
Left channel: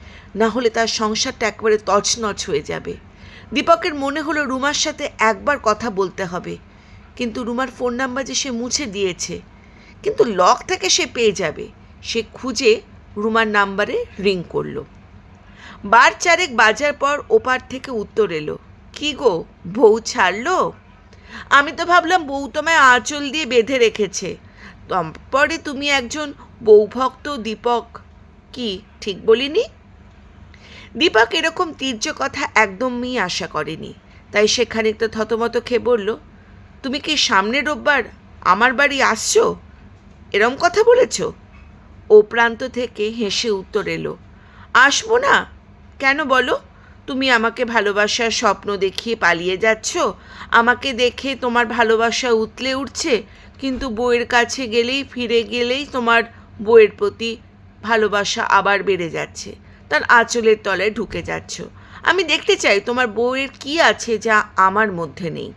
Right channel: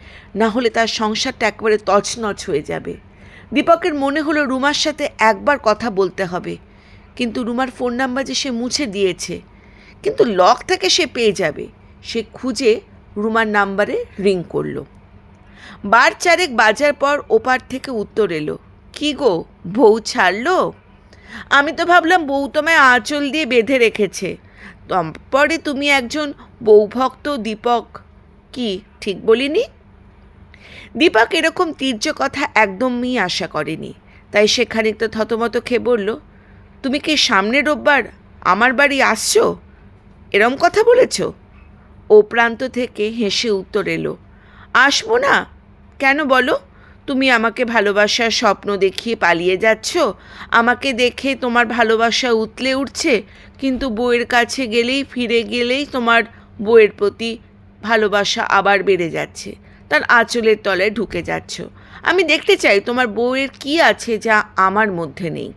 না হলে তার সংসারটা একেবারে তছনছ হয়ে যাবে। দীপকের মনে হলো রুমার সাথে একবার কথা বলতে হবে, কিন্তু রুমার ফোন নাম্বার যে সে মুছে দিয়েছে। কিন্তু লক থেকে সে পেয়ে যাবে। সে খুঁজে রুমার নাম্বারে রিং করলো। 4 বাজার পর ওপার থেকে উত্তর এলো, কি গো, বউ ছাড়লো? আমি তো ভাবলাম বউ তোমায় আঁচল দিয়ে বেঁধে রেখেছে। তারপরে তুমি একজন বউভক্ত দীপক। কি ঠিক বলিনি? দীপক এরকম তীর্য কথা একদমই আশা করেনি, তাই সে খানিকটা থতমত খেয়ে বলল, তুমি কি সামনের রোববার আমার বাড়ি আসছো? এরম কথা বলেছ? ও প্রান্ত থেকে হেসে উত্তর এলো, আসবো না কেন বলো? তুমি আমাকে ভালোবাসার স্বপ্ন দেখিয়ে পালিয়ে যাচ্ছ, আমাকে দেখে তোমার ভালোবাসা উতলে উঠছে, কিন্তু বউয়ের কাছে গেলেই, ফিরে গেলেই তোমার বউয়ের প্রতি ভালোবাসা আবার বেড়ে যাচ্ছে, তার আঁচলের তলায় ঢুকে যাচ্ছ। আমি দেখতে চাই তোমার বউয়ের কি আছে যা আমার মধ্যে নেই।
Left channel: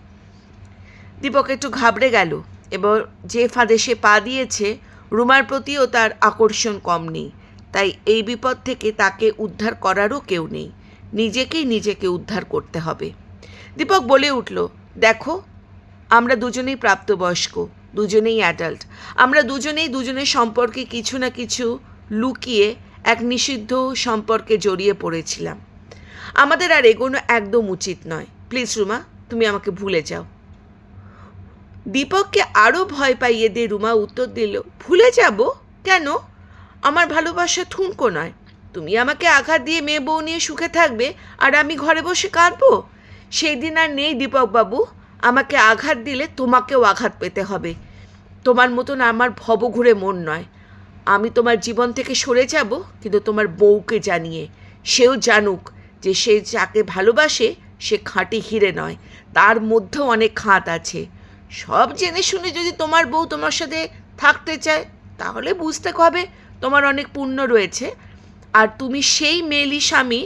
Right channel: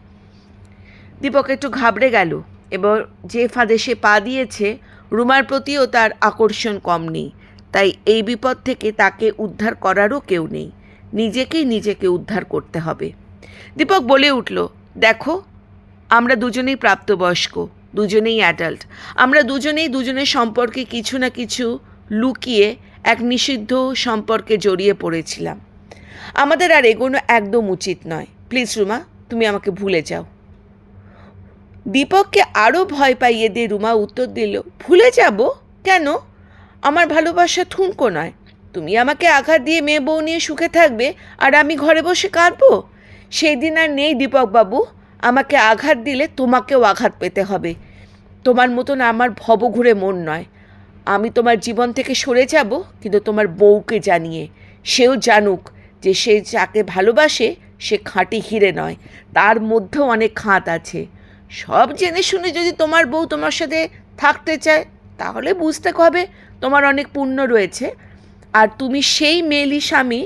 দীপক একটু ঘাবড়ে গেল। এবার যে ফাঁদে সে পা দিয়েছে, রুমার প্রতিও তার আকর্ষণ কম নেই, তাই এই বিপদ থেকে তাকে উদ্ধার করারও কেউ নেই। নিজেকে উদ্ধার করতে হবে। দীপক বলে উঠল, দেখো, আমরা দুজনেই প্রাপ্তবয়স্ক, দুজনেই অ্যাডাল্ট। আমরা দুজনেই দুজনের সম্পর্কে কিছু না কিছু লুকিয়ে এক নিষিদ্ধ সম্পর্কে জড়িয়ে পড়েছিলাম। আমাদের আর এগোনো একদম উচিত নয়। প্লিজ রুমা, তুমি আমাকে ভুলে যাও। দীপককে আরও ভয় পাইয়ে দিয়ে রুমা উত্তর দিল, ভুলে যাব কেন? আমার ভালোবাসা ঠুনকো নয়। তুমি আমাকে আঘাত দিয়ে মেয়ে বউ নিয়ে সুখে থাকবে, আর আমি ঘরে বসে কাঁদবো? সেই দিন আর নেই দীপকবাবু। আমাকে আঘাত দিলে তোমাকেও আঘাত পেতে হবে। তোমার মতন আমার ভবঘুরে মন নয়। আমি তোমার জীবন থেকে সরে যাব, কিন্তু তোমার বউকে জানিয়ে, সেও জানুক যে সে যাকে ভালোবাসে সে খাঁটি হিরে নয়, তার মধ্যেও অনেক খাঁত আছে। সব জেনে শুনে যদি তোমার বউ তোমার সাথে থাকতে চায়, তাহলে বুঝতে হবে তোমার অনেক পুণ্য রয়েছে, আর তুমি সেই মেয়েলি স্বামী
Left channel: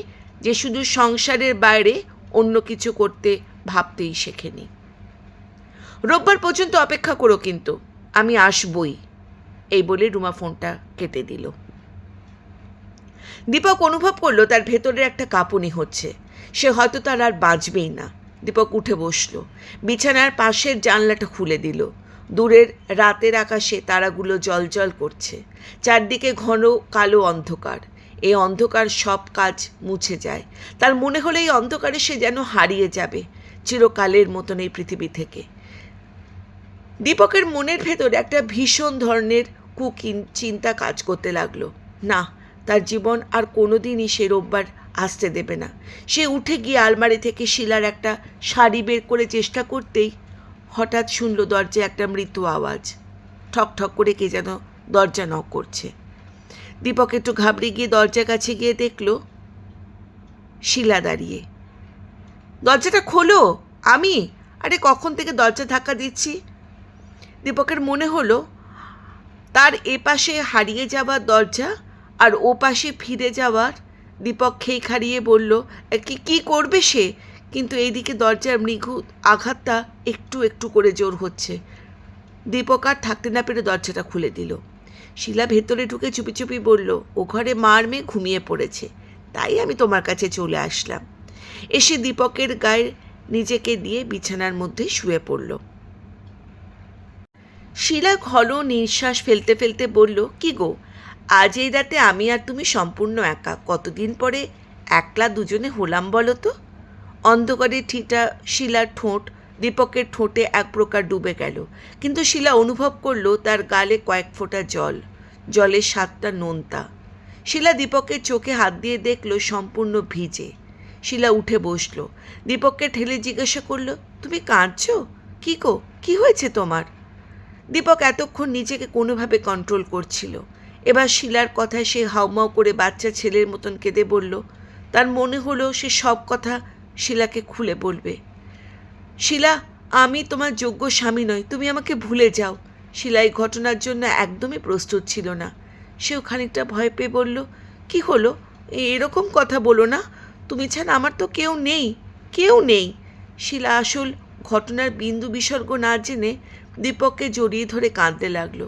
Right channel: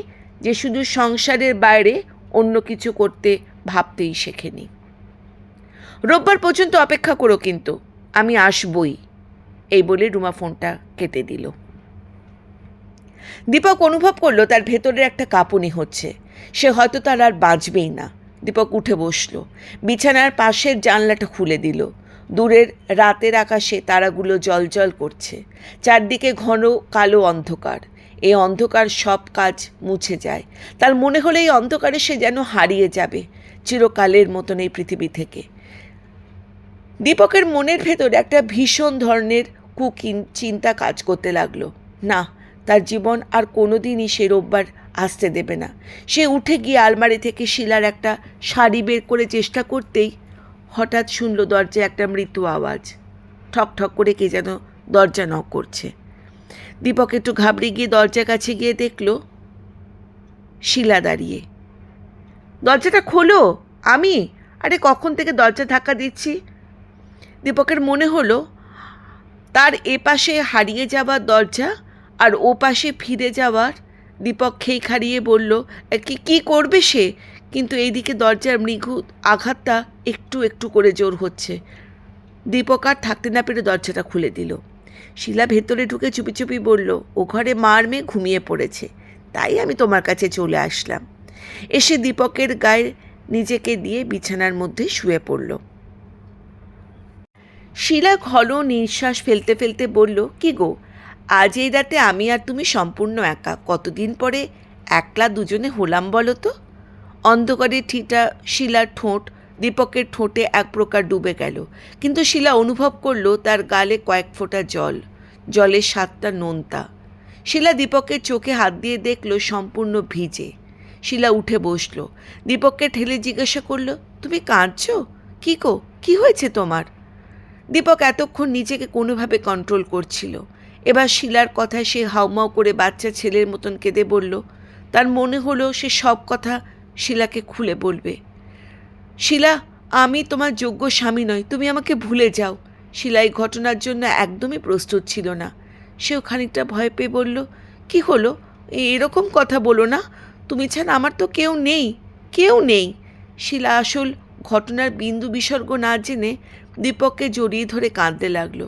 যে শুধু সংসারের বাইরে অন্য কিছু করতে ভাবতেই শেখেনি। রোববার পর্যন্ত অপেক্ষা করো, কিন্তু আমি আসবই। এই বলে রুমা ফোনটা কেটে দিল। দীপক অনুভব করলো তার ভেতরের একটা কাঁপুনি হচ্ছে। সে হয়তো তার আর বাঁচবেই না। দীপক উঠে বসল, বিছানার পাশের জানলাটা খুলে দিল। দূরের রাতের আকাশে তারাগুলো জ্বলজ্বল করছে। চারদিকে ঘন কালো অন্ধকার। এই অন্ধকার সব কাজ মুছে যায়। তার মনে হলো এই অন্ধকারে সে যেন হারিয়ে যাবে চিরকালের মতন এই পৃথিবী থেকে। দীপকের মনের ভেতর একটা ভীষণ ধরনের চিন্তা কাজ করতে লাগলো। না, তার জীবন আর কোনোদিনই সে রোববার আসতে দেবে না। সে উঠে গিয়ে আলমারি থেকে শিলার একটা শাড়ি বের করে চেষ্টা করতেই হঠাৎ শুনল দরজায় একটা মৃদু আওয়াজ। ঠক ঠক করে কে যেন দরজা নক করছে। দীপক একটু ঘাবড়ে গিয়ে দরজার কাছে গিয়ে দেখল শিলা দাঁড়িয়ে। দরজাটা খোলো। আমি? আরে কখন থেকে দরজা ধাক্কা দিচ্ছি। দীপকের মনে হলো তার এপাশে হারিয়ে যাওয়ার দরজা আর ও পাশে ফিরে যাওয়ার। দীপক খেই খাড়িয়ে বলল, কি করবে সে? কিন্তু এইদিকে দরজার মৃদু আঘাতটা একটু একটু করে জোর হচ্ছে। দীপক আর থাকতে না পেরে দরজাটা খুলে দিল। শিলা ভেতরে ঢুকে চুপি চুপি বলল, ও ঘরে মার মেয়ে ঘুমিয়ে পড়েছে, তাই আমি তোমার কাছে চলে আসলাম। এসে দীপকের গায়ে নিজেকে দিয়ে বিছানার মধ্যে শুয়ে পড়ল। শিলা ঘন নিঃশ্বাস ফেলতে ফেলতে বলল, কি গো, আজ এই রাতে আমি আর তুমি সম্পূর্ণ একা। কতদিন পরে একলা দুজনে হলাম বলো তো? অন্ধকারে ঠিটা শিলার ঠোঁট দীপকের ঠোঁটে এক প্রকার ডুবে গেল, কিন্তু শিলা অনুভব করল তার গালে কয়েক ফোঁটা জল, জলের স্বাদটা নোনতা। শিলা দীপকের চোখে হাত দিয়ে দেখল সম্পূর্ণ ভিজে। শিলা উঠে বসল, দীপককে ঠেলে জিজ্ঞাসা করল, তুমি কাঁদছো? কি গো, কি হয়েছে তোমার? দীপক এতক্ষণ নিজেকে কোনোভাবে কন্ট্রোল করছিল। এবার শিলার কথায় সে হাউমাউ করে বাচ্চা ছেলের মতন কেঁদে বলল। তার মনে হলো সে সব কথা শিলাকে খুলে বলবে। শিলা, আমি তোমার যোগ্য স্বামী নই, তুমি আমাকে ভুলে যাও। শিলা এই ঘটনার জন্য একদমই প্রস্তুত ছিল না। সেও খানিকটা ভয় পেয়ে বলল, কি হলো? এরকম কথা বলো না, তুমি ছাড়া আমার তো কেউ নেই, কেউ নেই। শিলা আসল ঘটনার বিন্দু বিসর্গ না জেনে দীপককে জড়িয়ে ধরে কাঁদতে লাগলো।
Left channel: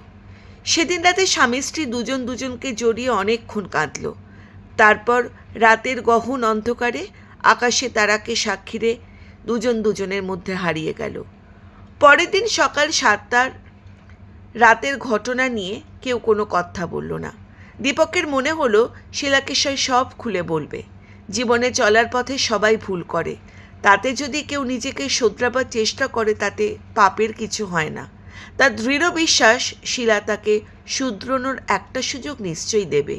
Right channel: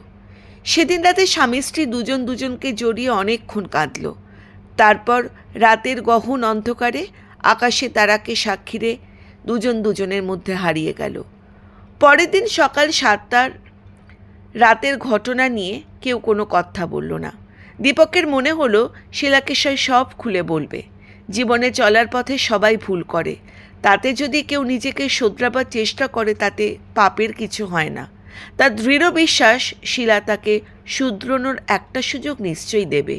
সেদিন রাতে স্বামী স্ত্রী দুজন দুজনকে জড়িয়ে অনেকক্ষণ কাঁদল। তারপর রাতের গহন অন্ধকারে আকাশে তারাকে সাক্ষীরে দুজন দুজনের মধ্যে হারিয়ে গেল। পরের দিন সকাল 7টার রাতের ঘটনা নিয়ে কেউ কোনো কথা বলল না। দীপকের মনে হলো শিলাকে সে সব খুলে বলবে। জীবনে চলার পথে সবাই ভুল করে, তাতে যদি কেউ নিজেকে শোধরাবার চেষ্টা করে তাতে পাপের কিছু হয় না। তার দৃঢ় বিশ্বাস শিলা তাকে শুধরানোর একটা সুযোগ নিশ্চয়ই দেবে।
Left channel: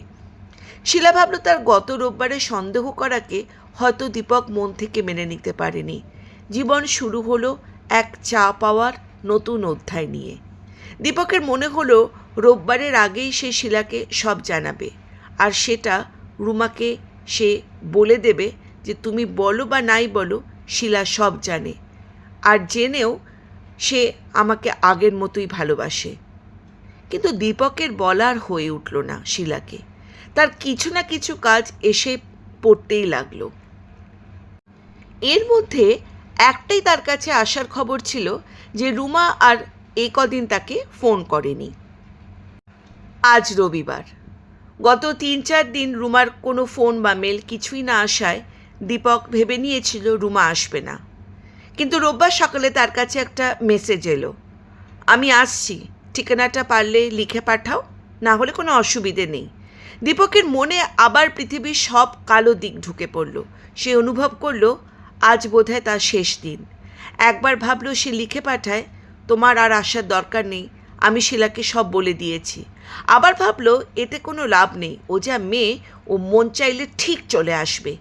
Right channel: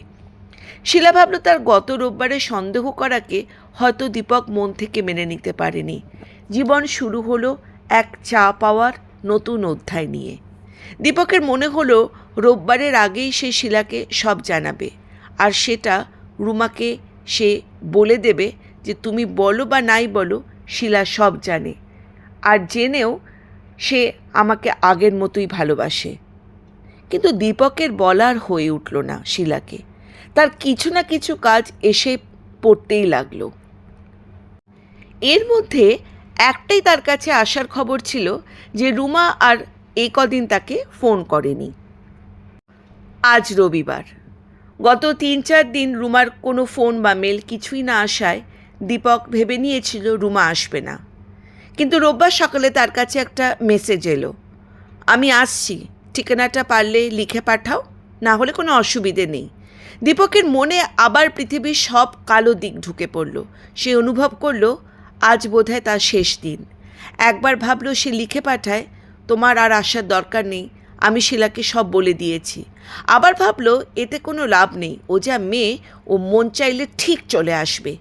শিলা ভাবল তার গত রোববারে সন্দেহ করাকে হয়তো দীপক মন থেকে মেনে নিতে পারেনি। জীবন শুরু হলো এক চা পাওয়ার নতুন অধ্যায় নিয়ে। দীপকের মনে হলো রোববারের আগেই সে শিলাকে সব জানাবে, আর সেটা রুমাকে সে বলে দেবে যে তুমি বলো বা নাই বলো শিলা সব জানে, আর জেনেও সে আমাকে আগের মতোই ভালোবাসে। কিন্তু দীপকের বলার হয়ে উঠল না শিলাকে। তার কিছু না কিছু কাজ এসে পড়তেই লাগলো। এর মধ্যে একটাই তার কাছে আসার খবর ছিল যে রুমা আর এই কদিন তাকে ফোন করেনি। আজ রবিবার। গত 3-4 দিন রুমার কোনো ফোন বা মেল কিছুই না আসায় দীপক ভেবে নিয়েছিল রুমা আসবে না। কিন্তু রোববার সকালে তার কাছে একটা মেসেজ এলো, আমি আসছি, ঠিকানাটা পারলে লিখে পাঠাও, না হলে কোনো অসুবিধে নেই। দীপকের মনে আবার পৃথিবীর সব কালো দিক ঢুকে পড়ল। সে অনুভব করল আজ বোধহয় তার শেষ দিন। একবার ভাবল সে লিখে পাঠায়, তোমার আর আসার দরকার নেই, আমি শিলাকে সব বলে দিয়েছি। আবার ভাবল এতে কোনো লাভ নেই, ও যা মেয়ে, ও মন চাইলে ঠিক চলে আসবে।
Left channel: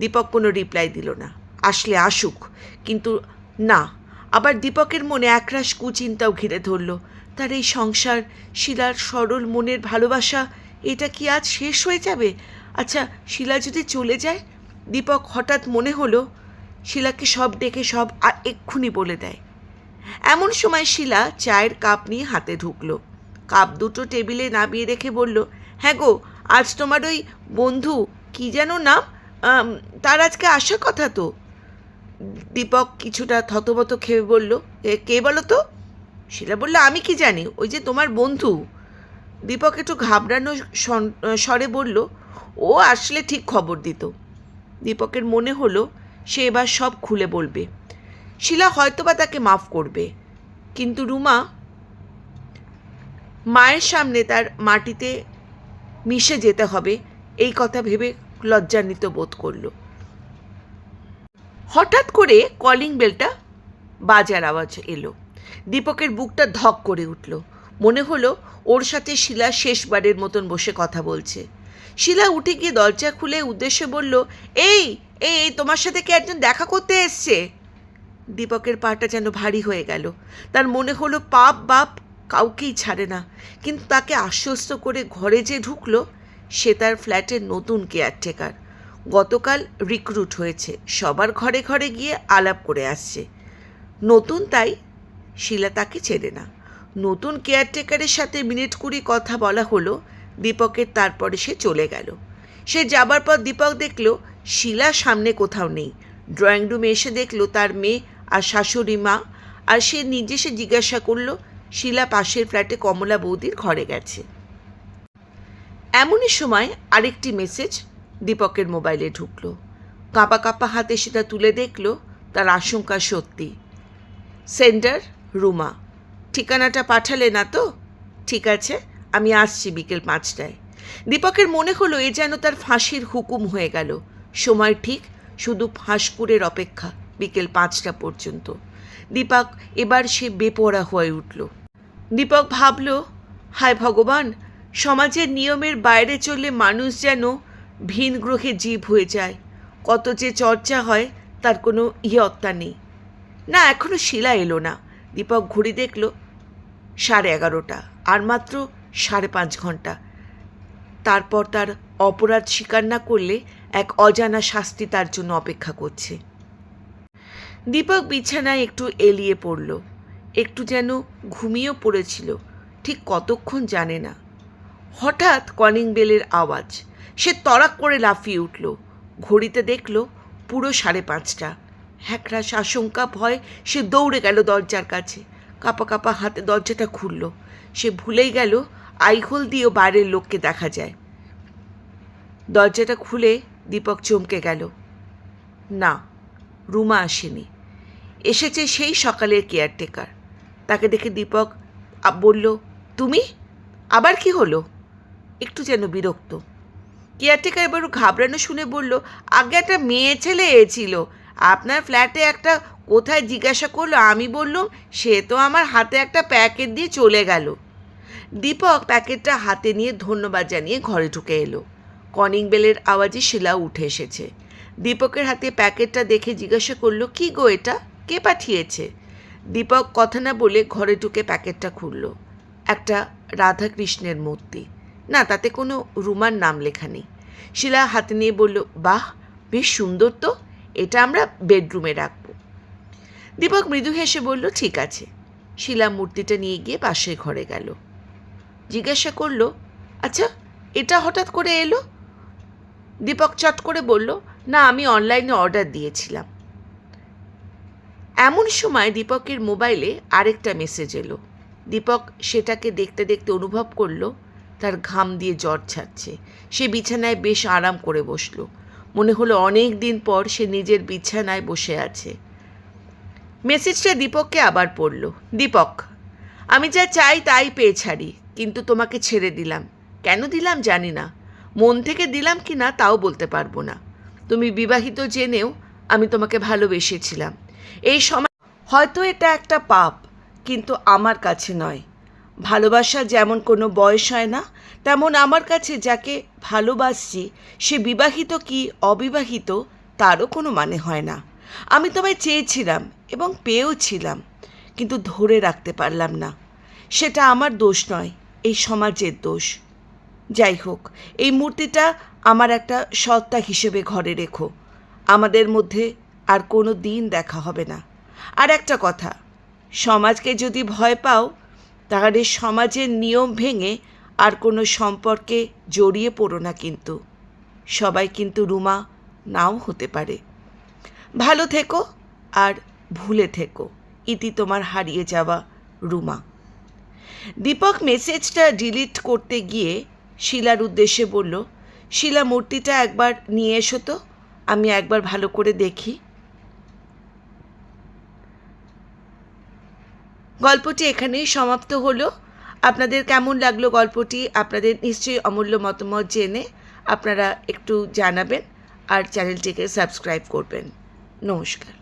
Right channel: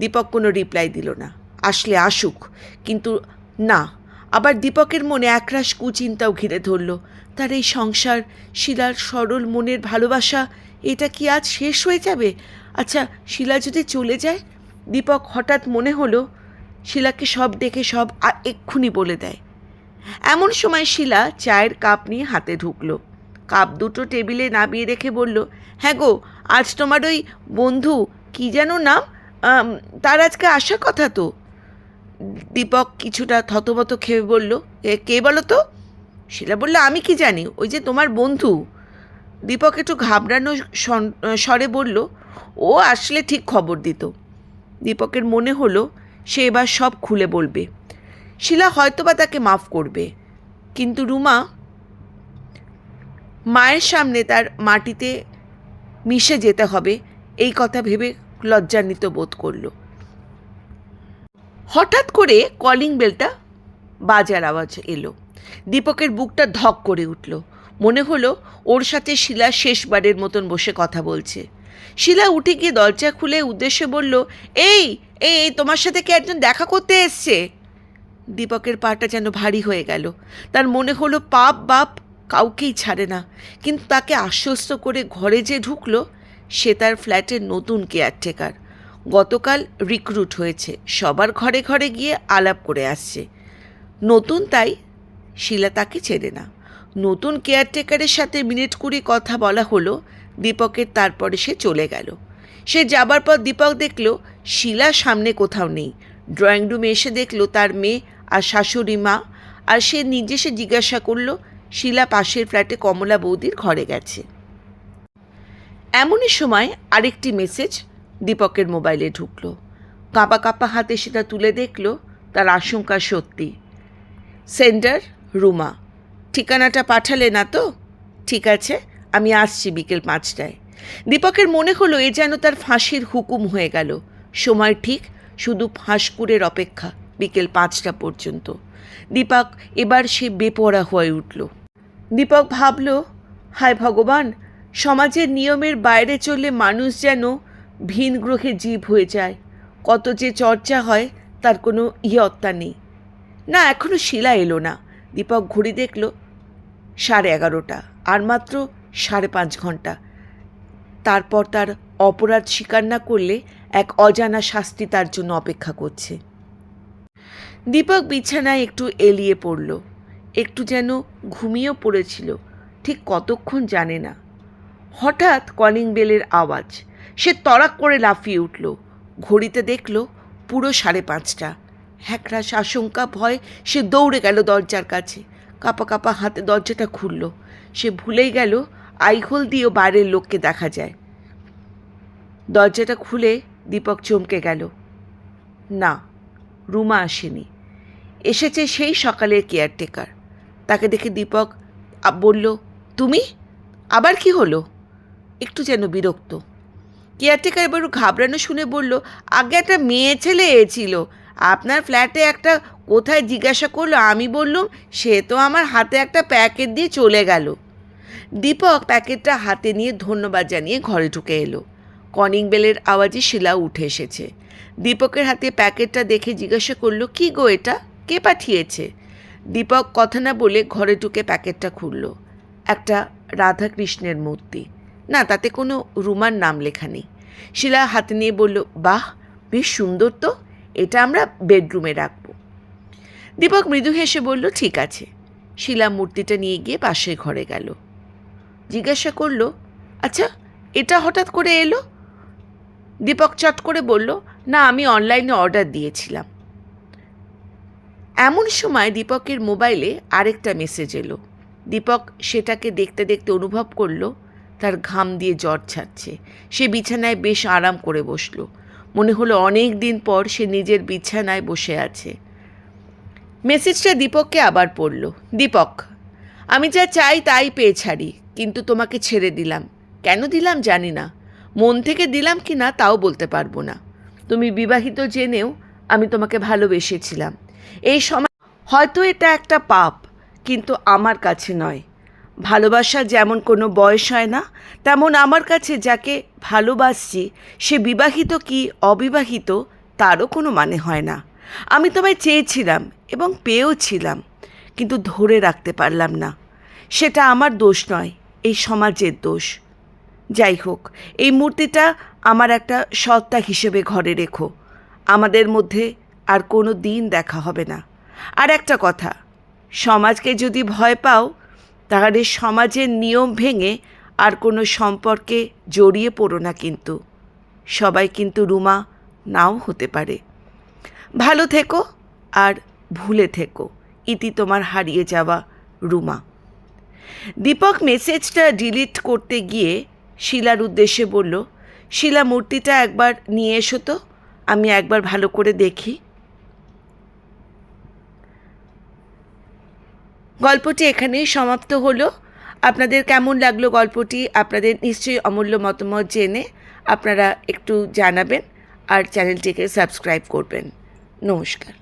দীপক কোনো রিপ্লাই দিল না। আসলে আসুক, কিন্তু না। আবার দীপকের মনে একরাশ কুচিন্তাও ঘিরে ধরল। তার এই সংসার, শিলার সরল মনের ভালোবাসা, এটা কি আজ শেষ হয়ে যাবে? আচ্ছা, শিলা যদি চলে যায়? দীপক হঠাৎ মনে হলো শিলাকে সব ডেকে সব এক্ষুনি বলে দেয়। এমন সময় শিলা চায়ের কাপ নিয়ে হাতে ঢুকলো। কাপ দুটো টেবিলে নামিয়ে রেখে বলল, হ্যাঁ গো, আজ তোমার ওই বন্ধু কি যেন নাম, তার আজকে আসার কথা তো। দীপক কিছুটা থতমত খেয়ে বলল, কে বলো তো? শিলা বললে, আমি কি জানি, ওই যে তোমার বন্ধু। দীপক একটু ঘাবড়ানো স্বরে বলল, ও আসলে ঠিক খবর দিত। দীপকের মনে হলো সে এবার সব খুলে বলবে। শিলা হয়তোবা তাকে মাফ করবে, কিন্তু রুমা মায়ের সামনে তার মাটিতে মিশে যেতে হবে এই কথা ভেবে লজ্জান্বিত বোধ করল। হঠাৎ করে কলিং বেলটা বাজার আওয়াজ এলো। দীপকের বুকটা ধক করে উঠল। মনে হলো ওর সাথে শিলা শেষবারের মতন বসে কথা বলছে। শিলা উঠে গিয়ে দরজা খুলে উদ্দেশ্যে বলল, এই এই তোমার সাথে কে একজন দেখা করতে এসছে। দীপকের পাটা যেন ভারী হয়ে গেল। তার মনে হলো পাপ বাপ কাউকেই ছাড়ে না। কিন্তু তাকে আশ্বস্ত করে ঘরে যে ঢুকলো, সে তার ফ্ল্যাটের নতুন কেয়ারটেকার। গতকাল রিক্রুট হয়েছে, সবার ঘরে ঘরে গিয়ে আলাপ করে আসছে। নতুন, তাই শিলা তাকে চেনে না। নতুন কেয়ারটেকারের সাথে মিনিট 20 কথা বলা হলো দীপকের, তারপরে সে চলে গেল। সে যাবার পর দীপক দেখল শিলা সামনে কোথাও নেই। ড্রয়িং রুমে এসে দেখল তার মেয়ে আর শাশুড়ি মা, আর সে নিজে সে জিজ্ঞাসা করল শিলা পাশের ফ্ল্যাটে কমলা বৌদির ঘরে গেছে। এমনই সময় আরেকটি মেসেজ দীপকের মোবাইলে ঢুকলো। কাঁপা কাঁপা হাতে সেটা তুলে দেখল তার আশঙ্কা সত্যি। সেন্ডার রুমা, ঠিকানাটা পাঠালে না তো? ঠিক আছে, আমি আসছি বিকেল 5টায়। দীপকের মনে হলো এ যেন তার ফাঁসির হুকুম হয়ে গেল। সময় ঠিক, শুধু ফাঁসপুরের অপেক্ষা বিকেল 5টা পর্যন্ত। দীপক এবার সে বেপরোয়া হয়ে উঠল। দীপক ভাবল, হায় ভগবান, সমাজের নিয়মের বাইরে চললে মানুষ যেন ভিন গ্রহে জীব হয়ে যায়। কত যে চর্চা হয় তার কোনো ইয়ত্তা নেই। না, এখনও শিলা এলো না। দীপক ঘড়ি দেখল 11:30, আর মাত্র 5.5 ঘন্টা। তারপর তার অপরাধ স্বীকার না করলে এক অজানা শাস্তি তার জন্য অপেক্ষা করছে। দীপক বিছানায় একটু এলিয়ে পড়ল। একটু যেন ঘুমিয়েও পড়েছিল, ঠিক কতক্ষণ জানে না। হঠাৎ কলিং বেলের আওয়াজ। সে তড়াক করে লাফিয়ে উঠল। ঘড়িতে দেখল পুরো 5:30। একরাশ আশঙ্কা ভয় সে দৌড়ে গেল দরজার কাছে। কাঁপা কাঁপা হাতে দরজাটা খুলল। সে ভুলেই গেল আইহোল দিয়েও বাইরের লোককে দেখা যায়। দরজাটা খুলে দীপক চমকে গেল। না, রুমা আসেনি। এসেছে সেই সকালের কেয়ারটেকার। তাকে দেখে দীপক বলল, তুমি? আবার কি হলো? একটু যেন বিরক্ত। কেয়ারটেকার এবারও ঘাবড়ানো শুনে বলল, আগে একটা মেয়ে ছেলে এসেছিল, আপনার ফ্ল্যাটে একটা কোথায় জিজ্ঞাসা করলো, আমি বললুম সে তো আমার হাতে একটা প্যাকেট দিয়ে চলে গেল। দীপক প্যাকেটটা হাতে নিয়ে ধন্যবাদ জানিয়ে ঘরে ঢুকে এলো। কলিং বেলের আওয়াজে শিলা উঠে এসেছে। দীপকের হাতে প্যাকেটটা দেখে জিজ্ঞাসা করলো, কি গো এটা, কে পাঠিয়েছে? দীপক কথা না বলে ঘরে ঢুকে প্যাকেটটা খুলল। একটা রাধাকৃষ্ণের মূর্তি, না তাতে কোনো রুমার নাম লেখা নেই। শিলা হাতে নিয়ে বলল, বাহ, বেশ সুন্দর তো, এটা আমরা বেডরুমে রাখব। দীপক মৃদু হেসে বলল, ঠিক আছে। শিলা মূর্তিটা নিয়ে গিয়ে পাশের ঘরে গেল। জিজ্ঞাসা করলো, আচ্ছা এটা হঠাৎ করে এলো? দীপক চট করে বলল, না আমি অনলাইনে অর্ডার দিয়েছিলাম। এমন সময় দীপকের মোবাইলে আরেকটা মেসেজ এলো। দীপক সেটাকে দেখতে দেখতে অনুভব করলো তার ঘাম দিয়ে জ্বর ছাড়ছে। সে বিছানায় বেশ আরাম করে বসলো। মনে হলো অনেক দিন পর সে নিজের বিছানায় বসে আছে। মেসেজটা দীপককে আবার পড়ল। দীপক, আমি যা চাই তাই পেয়ে ছাড়ি, কিন্তু তোমাকে ছেড়ে দিলাম। কেন দিলাম জানি না, মন থেকে দিলাম কি না তাও বলতে পারবো না। তুমি বিবাহিত জেনেও আমি তোমাকে ভালোবেসেছিলাম। এই সময় হয়তো এটা একটা পাপ, কিন্তু আমার কাছে নয়। ভালোবাসা যেমন কোনো বয়স হয় না, তেমন আমার কাছে যাকে ভালোবাসছি সে বিবাহিত কি অবিবাহিত তারও কোনো মানে হয় না। আমি তোমায় চেয়েছিলাম এবং পেয়েওছিলাম, কিন্তু ধরে রাখতে পারলাম না। সেটা আমার দোষ নয়, এই সমাজের দোষ। যাই হোক, এই মূর্তিটা আমার একটা সত্তা হিসেবে ঘরে রেখো। আমাদের মধ্যে আর কোনো দিন দেখা হবে না। আর একটা কথা, সমাজকে যদি ভয় পাও তাহলে সমাজের নিয়ম ভেঙে আর কোনো সম্পর্কে জড়িয়ে পড়ো না, কিন্তু সবাই কিন্তু রুমা নাও হতে পারে। ভালো থেকো আর ভুলে থেকো। ইতি তোমার হারিয়ে যাওয়া রুমা। দীপক মেসেজটা ডিলিট করতে গিয়ে শিলার উদ্দেশ্যে বলল, শিলা মূর্তিটা একবার নিয়ে এসো তো, আমি একবার ভালো করে দেখি। গল্পটি এখানেই সমাপ্ত হলো। আপনাদের কেমন লাগলো গল্পটি আপনাদের নিশ্চয়ই অমূল্য মতামত জেনে আপনারা একটু জানাবেন আর চ্যানেলটিকে সাবস্ক্রাইব করবেন। নমস্কার।